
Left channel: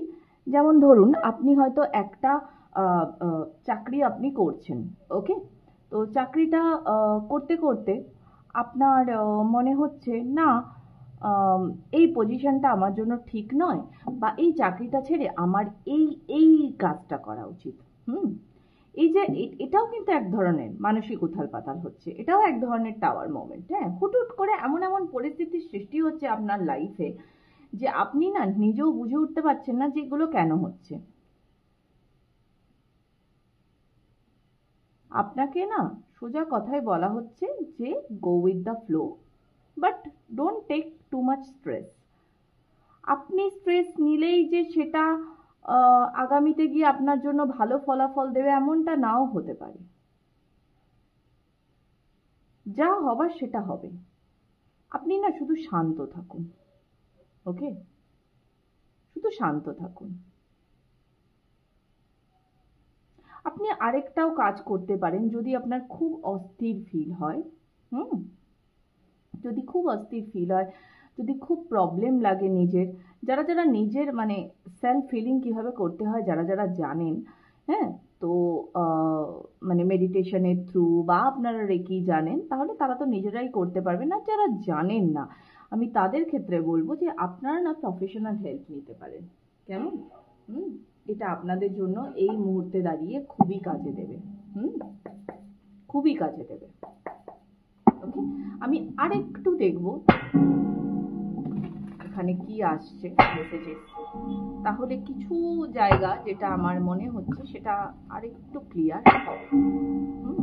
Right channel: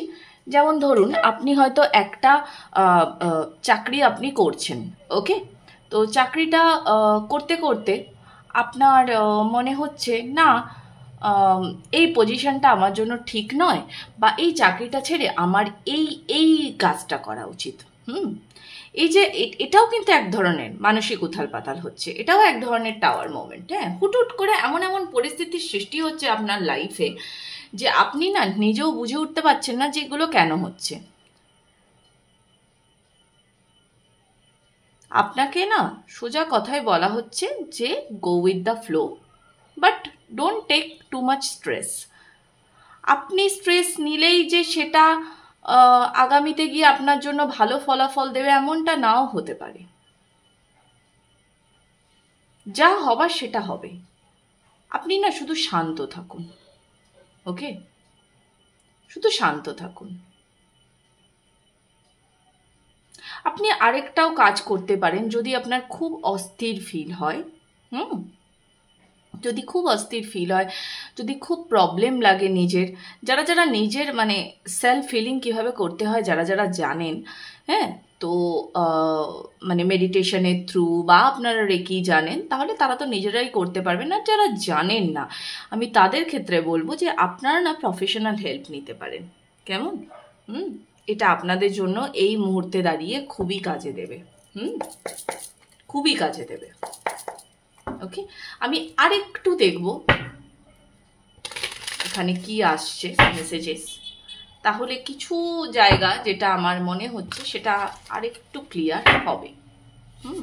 যেমন ধরুন আপনি হয়তো একটা চাকরি আপনি করছেন, ওকে, তো চাকরিটা করতে করতে আপনার মনে হচ্ছে না আম, এই পজিশনটা আমার জন্য ঠিক নয়, বা এই চাকরিটা ছেড়ে আমার এই এই কাজটা করা উচিত। হুম, এই যে এটাও কিন্তু এক ধরনের মানসিক উথাল পাতাল হচ্ছে, এটাও এক ধরনের টাওয়ার মোমেন্ট। হ্যাঁ, হুট করে এমন এমন পরিস্থিতির সৃষ্টি হচ্ছে আপনার লাইফে যে আপনি না নিজেও বুঝে উঠতে পারছেন না যে এগুলো কেন হচ্ছে। আপনাকে না সোজা কথায় বলা হচ্ছে যে go with the flow, but don't take too much stress. আপনি স্ট্রেস নিলেই যে সেটা আগামীতে গিয়ে আপনার জন্য ভালো ফলাফল দেবে এমনটা নাও হতে পারে। যা হবার সেটা হবে, আপনি না শুধু শান্ত থাকুন। ওকে, শুধু শান্ত থাকুন। আপনি আরেকটাও কাজ করতে পারেন, যদি আপনার খুব অস্থির ফিল হয়। হুম, যদি খুব অস্থির ফিল হয়, যদি খুব প্রবলেম লাগে নিজের, যারা যারা নিজের মানে সেলফ ফিলিং কীভাবে করতে হয় যারা যারা জানেন, হ্যাঁ, তো মানে মেডিটেশনের থ্রু বা আপনারা রেকি জানেন, তাহলে তারা তো নিজেরাই করতে পারবেন। আর যারা জানেন না, আমি তাদের ক্ষেত্রে বলবো যে আপনারা না প্রফেশনাল হেল্প নিতে পারেন। কেমন? হুম, এটা আপনাদের জন্য এই মুহূর্তে দাঁড়িয়ে খুবই কাজে দেবে। হুম, খুবই কাজে দেবে। ওকে, আমি আরেকটু দেখব এখানে কি আসছে মেসেজেস, তাহলে কিছু জায়গা যেটা আমার মনে হচ্ছে সেটা আরেকটু ক্লিয়ার হবে। হুম,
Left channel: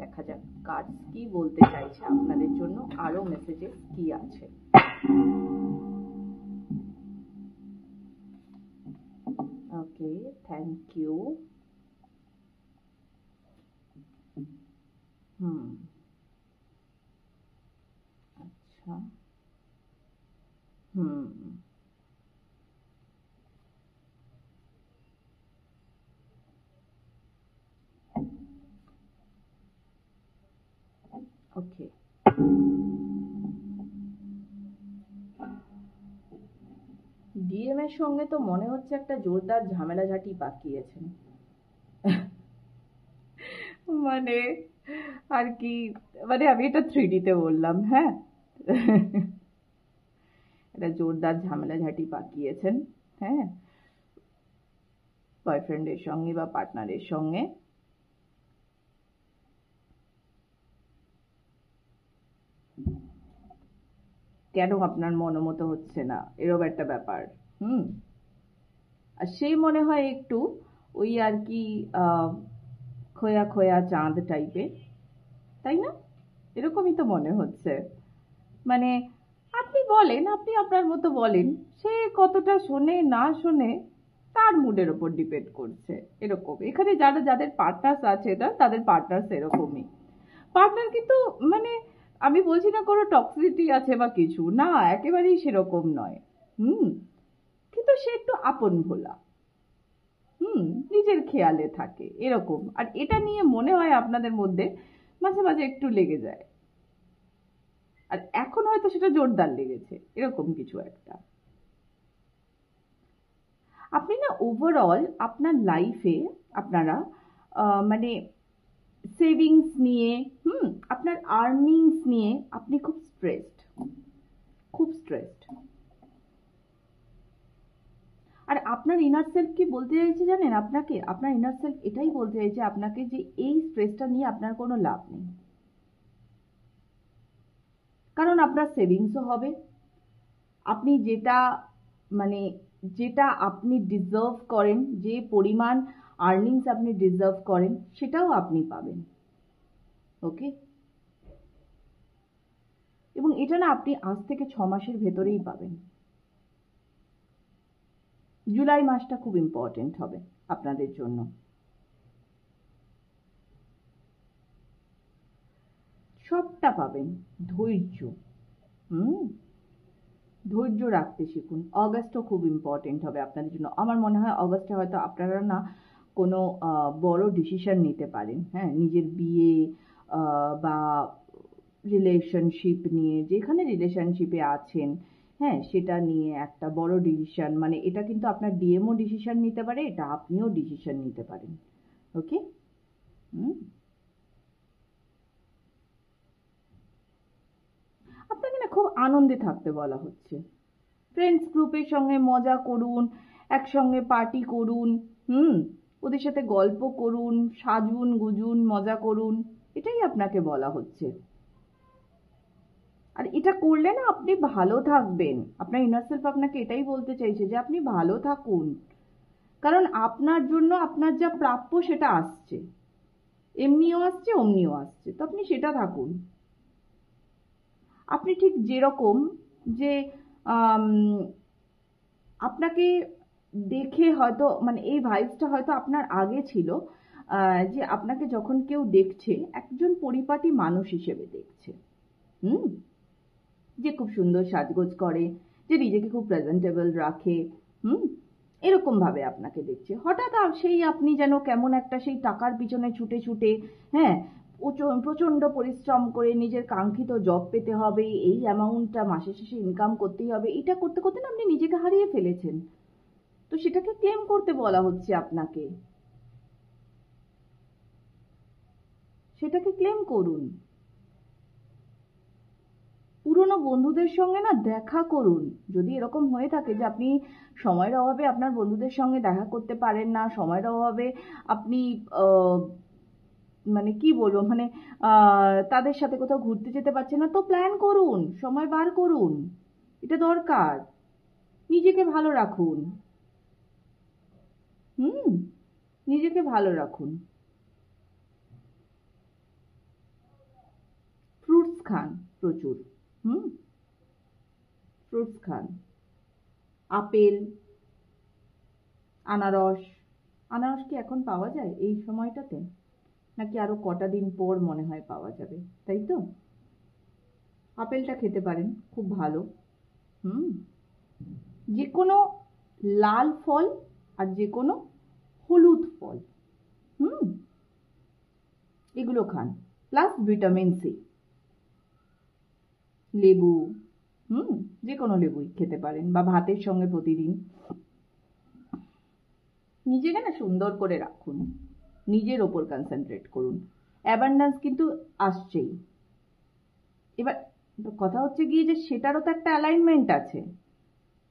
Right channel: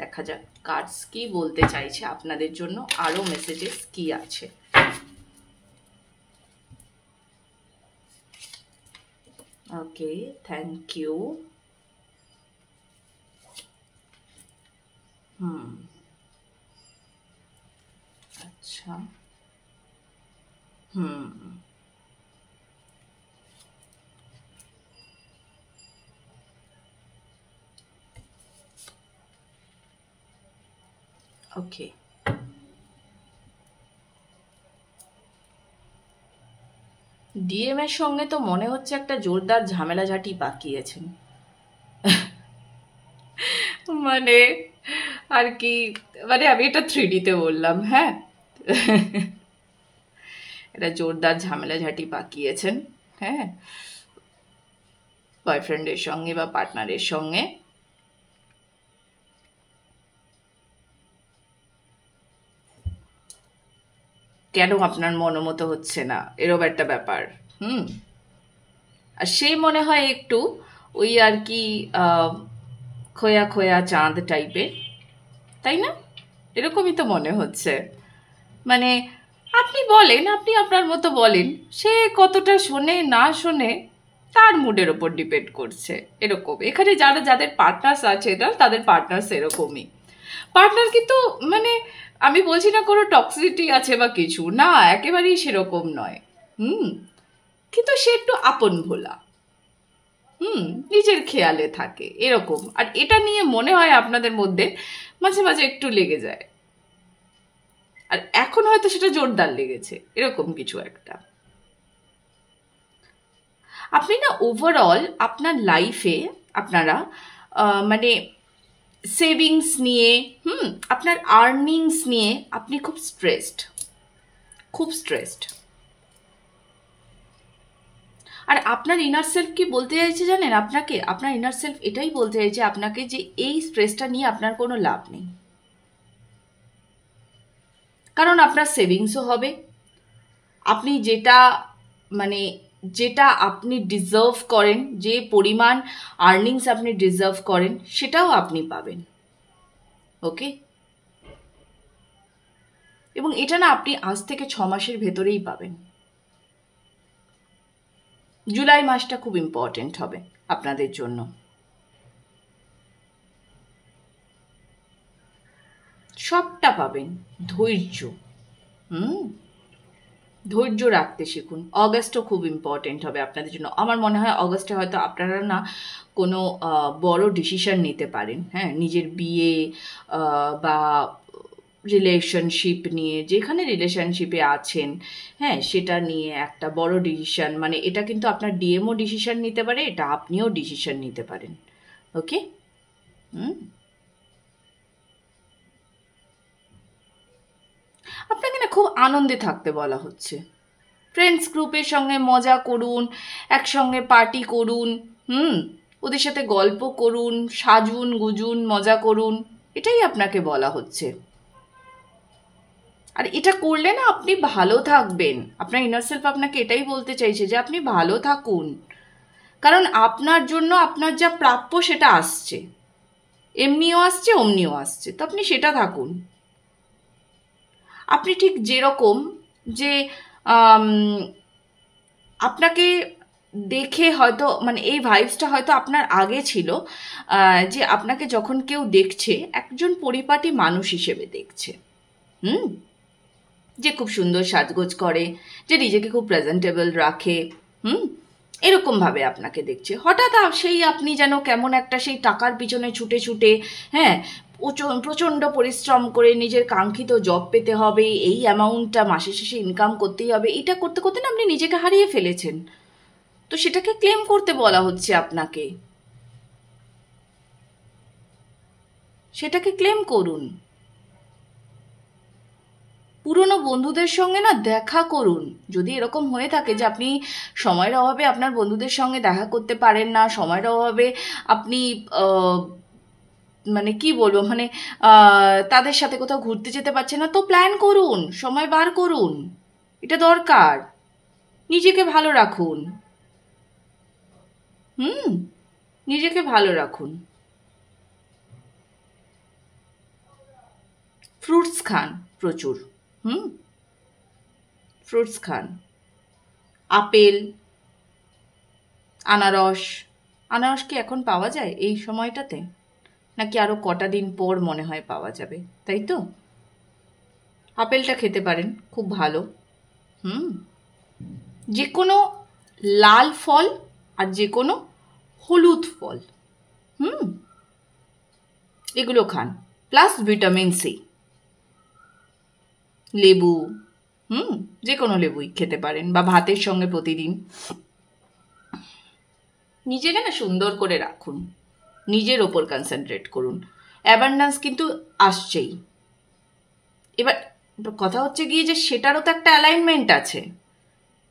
দেখা যাক কার্ডস কি বলতে চাইছে আপনাদের জন্য, আরো মেসেজেস কি আছে। ওকে, থ্যাংক ইউ। হুম, আচ্ছা, হুম, ওকে, ডিএম এর সঙ্গে তো মনে হচ্ছে একটা জোরদার ঝামেলাঝাটি পাকিয়েছেন। মানে আর কি, মানে আমি এটা 3D-তে বললাম, হ্যাঁ। এটা জোরদার ঝামেলাঝাটি পাকিয়েছেন, হ্যাঁ, বয়ফ্রেন্ডের সঙ্গে বা পার্টনারের সঙ্গে। কেন আপনার মনোমতো হচ্ছে না, এরকম একটা ব্যাপার। হুম, আর সে মনে হয় একটু ওই আর কি খোয়া খোয়া চাঁদ টাইপের, তাই না? এরকমই তো মনে হচ্ছে। মানে আপনি বলেন, আপনি আপনার মতো বলেন, সে কতটা শোনে না শোনে তার মুডের ওপর ডিপেন্ড করছে। এরকম এখানে যারা যাদের পার্টনার্স আছে না, তাদের পার্টনার্স এরকমই। পার্টনার কিন্তু মানে আমি বলছি না কোনো টক্সিসিটি আছে বা কিছু না, একেবারেই সেরকম নয়। হুম, কিন্তু সে একটু আপন ভোলা, হুম, নিজের খেয়ালে থাকে এরকম। আর এটা নিয়ে মনে হয় আপনাদের মধ্যে মাঝে মাঝে একটু লেগে যায়, আর এখন হয়তো সেটা জোরদার লেগেছে, এরকম কিছু একটা। আপনি না ওভারঅল আপনার লাইফে আপনারা মানে সেভিংস নিয়ে, হুম, আপনার আর্নিংস নিয়ে আপনি খুব স্ট্রেসড, খুব স্ট্রেসড। আর আপনার ইনার সেলফ কি বলতে চাইছে জানেন আপনাকে? আপনার ইনার সেলফ এটাই বলতে চাইছে আপনাকে যে এই স্ট্রেসটা নিয়ে আপনার কোনো লাভ নেই, কারণ আপনার সেভিংসও হবে, আপনি যেটা মানে যেটা আপনি ডিজার্ভ করেন, যে পরিমাণ আর্নিংস আপনি ডিজার্ভ করেন সেটাও আপনি পাবেন। ওকে, এবং এটা না আপনি আজ থেকে 6 মাসের ভেতরেই পাবেন। জুলাই মাসটা খুব ইম্পর্টেন্ট হবে আপনাদের জন্য। সবটা পাবেন, ধৈর্য। হুম, ধৈর্য রাখতে শিখুন। অগাস্টও খুব ইম্পর্টেন্ট হবে আপনাদের জন্য। আমার মনে হয় অগাস্টে হয়তো আপনারা না কোনো বড় ডিসিশন নিতে পারেন। হ্যাঁ, নিজের বিয়ে বা রিলেশনশিপ নিয়ে, যেখানে রিলেশনশিপে আছেন, হ্যাঁ, সেটা নিয়ে একটা বড় ডিসিশন, মানে এটা কিন্তু আপনার ডিএমও ডিসিশন নিতে পারে, এটা আপনিও ডিসিশন নিতে পারেন। ওকে। হুম। আপনাকে না খুব আনন্দে থাকতে বলা হচ্ছে। ফ্রেন্ডস গ্রুপের সঙ্গে মজা করুন, একসঙ্গে পার্টি করুন, ওদের সাথে গল্প করুন, সাজুন গুজুন, মজা করুন, এটাই আপনাকে বলা হচ্ছে। আর এটা করলে না আপনি ভালো থাকবেন। আপনার ইনার সেলফ আপনাকে এটাই বলতে চাইছে যে আপনি ভালো থাকুন, কারণ আপনার জন্য আপনার যা প্রাপ্য সেটা আসছে, এমনিও আসছে অমনিও আসছে, তো আপনি সেটা থাকুন। আপনি ঠিক যেরকম, যে আপনাকে দেখে হয়তো, মানে এই ভাইবসটা হয়তো আপনার আগে ছিল, যে আপনাকে যখন কেউ দেখছে একজন পরিপাটি মানুষ হিসেবে দেখছে, যে খুব সুন্দর সাজগোজ করে, যে নিজেকে খুব প্রেজেন্টেবল রাখে, এরকমভাবে আপনাকে দেখছে। হঠাৎ সেই আপনি যেন কেমন একটা সেই টাকার পিছনে ছুটে ছুটে, হ্যাঁ, প্রচণ্ড পরিশ্রম করে নিজের কাঙ্ক্ষিত জব পেতে হবে, এই অ্যামাউন্টটা মাসে শেষে ইনকাম করতেই হবে, এটা করতে করতে না আপনি নিজেকে হারিয়ে ফেলেছেন। তো সেটাকে ক্লেম করতে বলা হচ্ছে আপনাকে, সেটাকে ক্লেম করুন। পুরনো বন্ধুদের সঙ্গে না দেখা করুন। যদি এরকম হয়ে থাকে যে আপনি সময়ের অভাবে আপনার বন্ধুদের সঙ্গে দেখা করতে পারেন না, সময়ের অভাবে আপনি মানে কি বলবো, মানে তাদের সাথে কোথাও ঘুরতে যেতে পারছেন না, তো প্ল্যান করুন, সময় বার করুন, এটা দরকার। নিজেকে ভালো রাখুন। নিজেকে ভালো রাখুন। ফ্রুটস খান প্রচুর। ফ্রুটস খান, আপেল, আনারস। আনারস কি এখন পাওয়া যায় এই সময়টাতে, নাকি আরও কটা দিন পর মনে হয় পাওয়া যাবে, তাই তো? আপেলটা খেতে পারেন, খুব ভালো। যে কোনো লাল ফল আর যে কোনো হলুদ ফল, এগুলো খান, প্লাস ভিটামিন সি। লেবু, যে কোনো লেবুই খেতে পারেন, বা ভাতের সঙ্গে প্রতিদিন। নিজেকে না সুন্দর করে রাখুন, নিজের ওপর কনসেন্ট্রেট করুন। অ্যাবান্ডেন্স কিন্তু আসছেই। এবার কথা হচ্ছে গিয়ে যে সেটারও তো একটা অ্যালাইনমেন্ট আছে,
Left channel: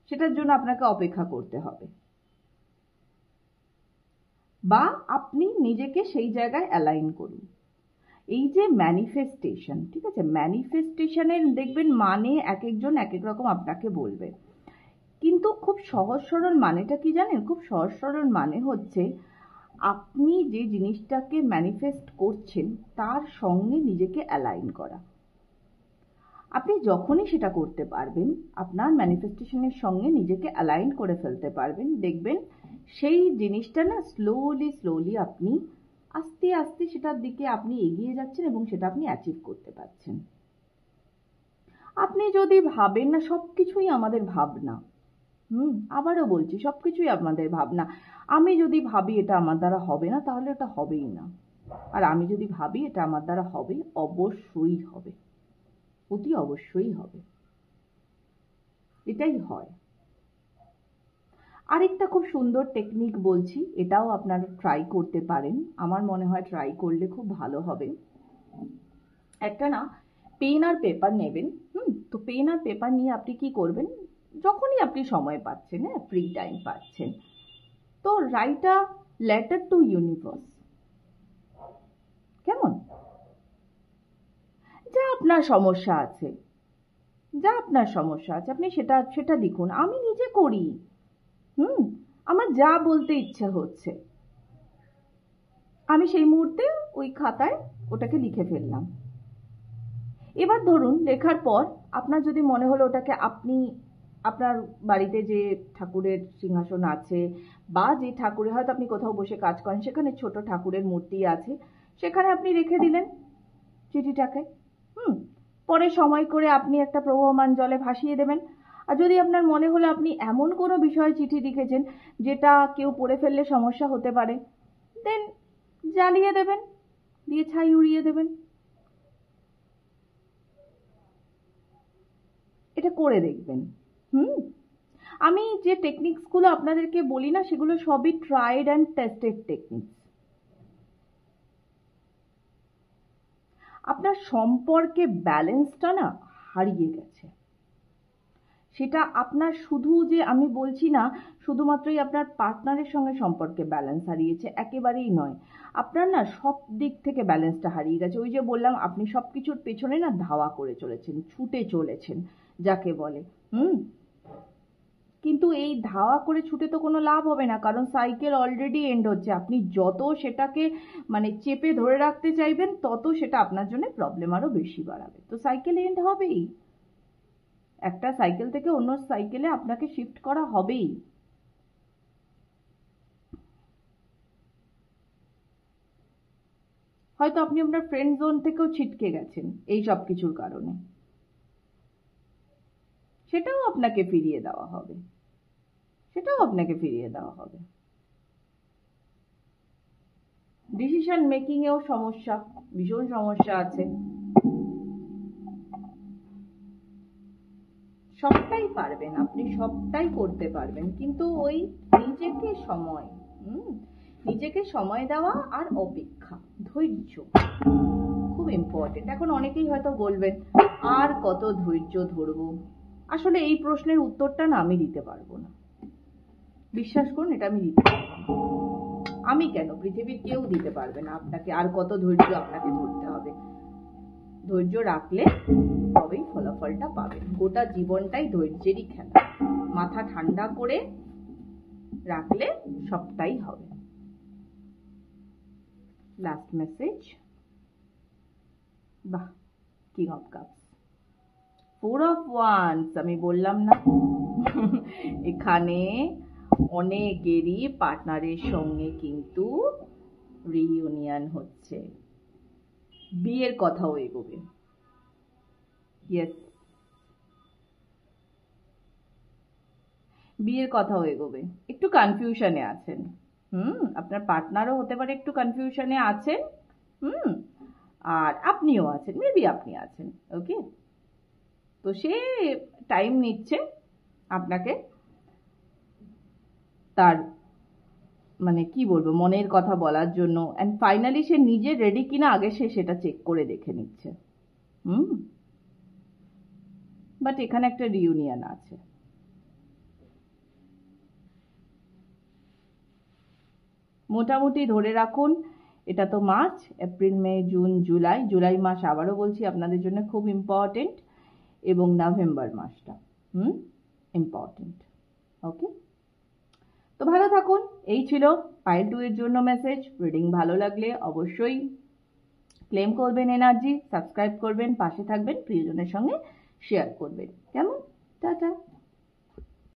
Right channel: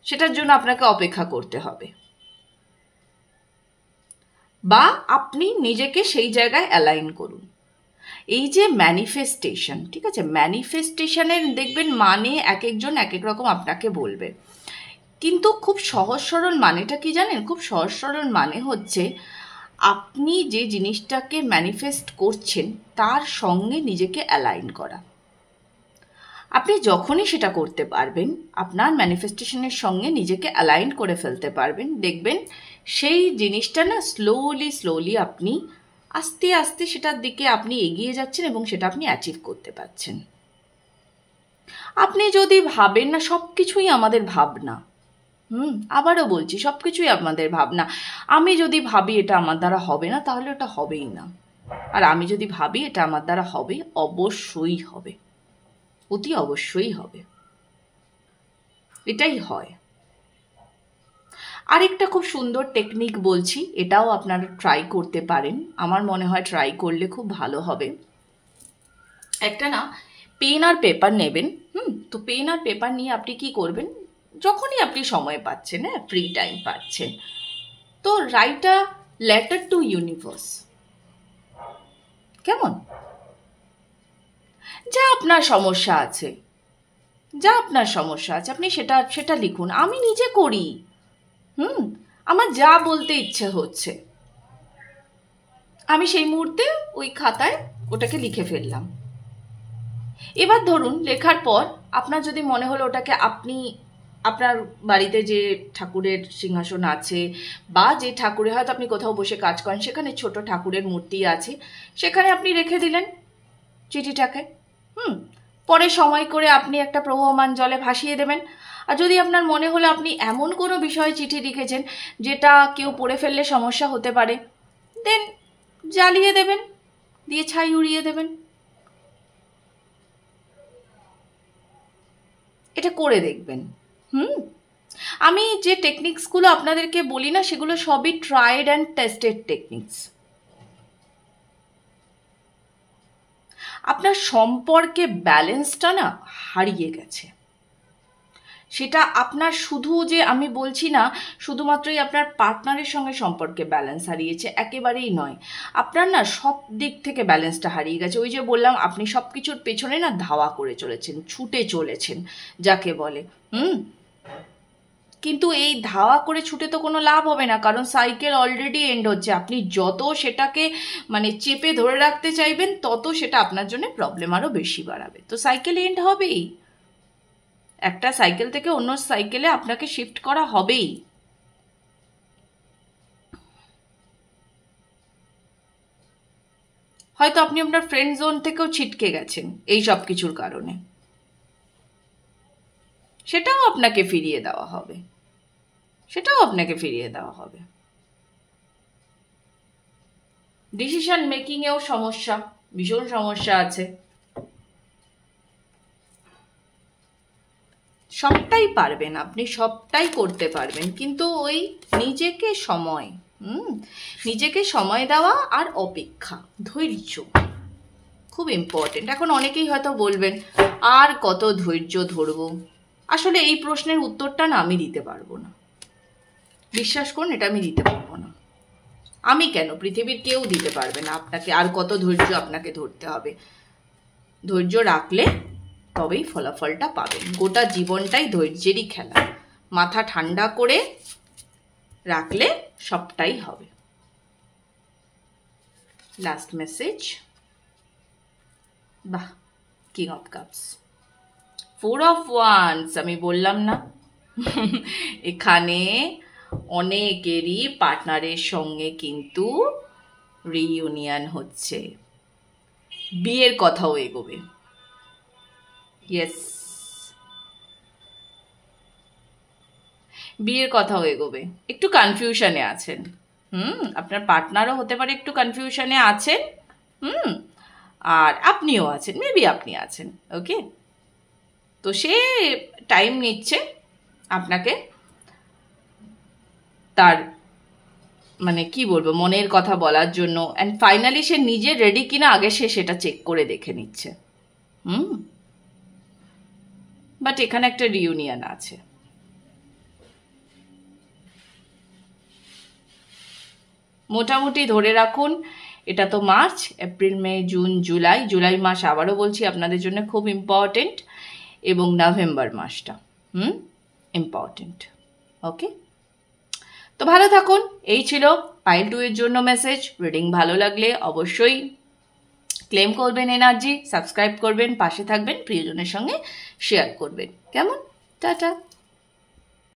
সেটার জন্য আপনাকে অপেক্ষা করতে হবে, বা আপনি নিজেকে সেই জায়গায় অ্যালাইন করুন। এই যে ম্যানিফেস্টেশন, ঠিক আছে, ম্যানিফেস্টেশনের দেখবেন মানে এক একজন এক এক রকম আপনাকে বলবে, কিন্তু খুব সহজ সরল মানেটা কি জানেন? খুব সহজ সরল মানে হচ্ছে আপনি যে জিনিসটাকে ম্যানিফেস্ট করছেন তার সঙ্গে নিজেকে অ্যালাইন করা। আপনি যখনই সেটা করতে পারবেন, আপনার ম্যানিফেস্টেশনের সঙ্গে নিজেকে অ্যালাইন করে ফেলতে পারবেন, দেখবেন সেই জিনিসটা না স্লোলি আপনি আস্তে আস্তে সেটার দিকে আপনি এগিয়ে যাচ্ছেন এবং সেটা আপনি অ্যাচিভ করতে পারছেন। আপনি যদি ভাবেন না, সব কিছুই আমাদের ভাবনা, আবারও বলছি, সব কিছুই আমাদের ভাবনা। আমি যদি ভাবি এটা আমার দ্বারা হবে না, তাহলে ওটা হবেই না। আর আমি যদি ভাবি এটা আমার দ্বারা হবে, অবশ্যই হবে, অতি অবশ্যই হবে, এটাই হয়। আরেকটা খুব সুন্দর টেকনিক বলছি, এটাও আপনারা ট্রাই করতে পারেন, আমার মনে হয় ট্রাই করলে খুব ভালো হবে। একটা না পেন আর পেপার নেবেন, তো পেন আর পেপার নিয়ে আপনি কি করবেন, যখনই আপনি সময় পাচ্ছেন, হ্যাঁ, ফ্রি টাইম পাচ্ছেন, তো write a letter to universe. কেমন? যা আপনার সমস্যা আছে, আপনি সেটা লিখুন। আমি নিজে করি, আমার যা বলতে ইচ্ছে হচ্ছে, আমি সেই মুহূর্তে ওই খাতায় ওটাকে লিখে ফেললাম। এবার ধরুন লেখার পর আপনার যদি মনে হলো ওটাকে আপনি আপনার বাড়িতে যে ঠাকুরের সিংহাসন আছে, বা যে ঠাকুরে হয়তো আপনি কোথাও বসে কাজ করেন, সেখানে ছোট ঠাকুরের মূর্তি আছে, সেখানে আপনি রেখে দিলেন চিঠিটাকে। পরে সময় করে আপনি একটা প্রবহমান জলে ভাসিয়ে দেবেন। আর যদি আপনার মনে হলো আপনি এমন কোনো বিষয়ে চিঠি লিখেছেন যেটা কেউ পড়ে ফেললে সমস্যা হতে পারে, দেন জ্বালিয়ে দেবেন, দিয়ে ছাই উড়িয়ে দেবেন। এটা করে দেখবেন। আমি যে টেকনিক্সগুলো আপনাদেরকে বলি না, সেগুলো সবই ট্রাইড অ্যান্ড টেস্টেড টেকনিক্স। আপনার সম্পর্কে ব্যালেন্সটা না হারিয়ে গেছে। সেটা আপনার শুধু যে আমি বলছি না শুধুমাত্রই আপনার পার্টনারের সঙ্গে সম্পর্কে ব্যালেন্স হারিয়েছে, একেবারেই নয়। আপনার না সব দিক থেকে ব্যালেন্সটা হারিয়ে গেছে। ওই যে বললাম, আপনি সব কিছুর পেছনে না ধাওয়া করে চলেছেন, ছুটে চলেছেন যাকে বলে। কিন্তু এই ধাওয়া করে ছুটে তো কোনো লাভ হবে না, কারণ সাইকেল অলরেডি এন্ড হচ্ছে। আপনি যত সেটাকে মানে চেপে ধরে রাখতে চাইবেন, তত সেটা আপনার জন্য প্রবলেম আরও বেশি বাড়াবে। তো সাইকেল এন্ড হবেই, একটা সাইকেল থেকে অন্য সাইকেলে আপনাকে শিফট করা হবেই। হয়তো আপনি আপনার ফ্রেন্ড জোন থেকেও ছিটকে গেছেন এই সব কিছুর কারণে, সেটাও আপনাকে ফিরিয়ে দেওয়া হবে, ডিসিশন মেকিংয়েও সমস্যা, ভীষণ সমস্যা আছে। সবটাই পারবেন আপনি, সবটাই করতে পারবেন, কিন্তু ওই নিজেকে সময় দেওয়া আর অপেক্ষা, ধৈর্য খুব ইম্পর্টেন্ট। এখন অনেকেই হয়তো বলবেন, আর কত ধৈর্য ধরবো? আসলে এই প্রশ্নের উত্তরটা না আমি দিতে পারবো না, বিশ্বাস করুন, এটা আমি দিতে পারবো না। আমি কেন, পৃথিবীর কেউ দিতে পারবে না আপনাকে আর কত ধৈর্য আপনাকে ধরতে হবে। ধৈর্য রাখলে তবেই ফলাফলটা পাবেন। গোটা জীবনটাই ধৈর্যেরই খেলা। মাথা ঠান্ডা করে রাখলে সবটাই হবে। লাস্ট মেসেজ, বাহ, king of cups, 4 of wands. আমি বললাম না, এখানে অনেকেরই পার্টনারের সঙ্গে কিন্তু রিইউনিয়ন হচ্ছে, বিয়ের কথাও এগোবে। ইয়েস, বিয়ের কথাও এগোবে। একটু কনফিউশনে আছেন, আপনার পার্টনারও হতে পারে একটু কনফিউশনে আছেন, আর আপনিও আছেন, মেবি আপনি আছেন। ওকে, তো সে টাইম নিচ্ছে আপনাকে তার মানে কি বলবো মনের কথা বলার জন্য, অ্যান্ড ফাইনালি সে নিজে রেডি কিনা আগে সে সেটা চেক করে দেখে নিচ্ছে। বাট এখানে একটা রিউনিয়ন আছে। মোটামুটি ধরে রাখুন, এটা তো মার্চ, এপ্রিল, মে, জুন, জুলাই মাস আবারও বলছি আপনাদের জন্য খুব ইম্পর্টেন্ট, এবং নভেম্বর মাসটা ইম্পর্টেন্ট। ওকে, তো ভালো থাকুন। এই ছিল পাইল 2 এর জন্য মেসেজ। রিডিং ভালো লাগলে অবশ্যই ক্লেম করবেন এনার্জি, সাবস্ক্রাইব করবেন, পাশে থাকবেন, প্রিয়জনের সঙ্গে শেয়ার করবেন। কেমন? টাটা।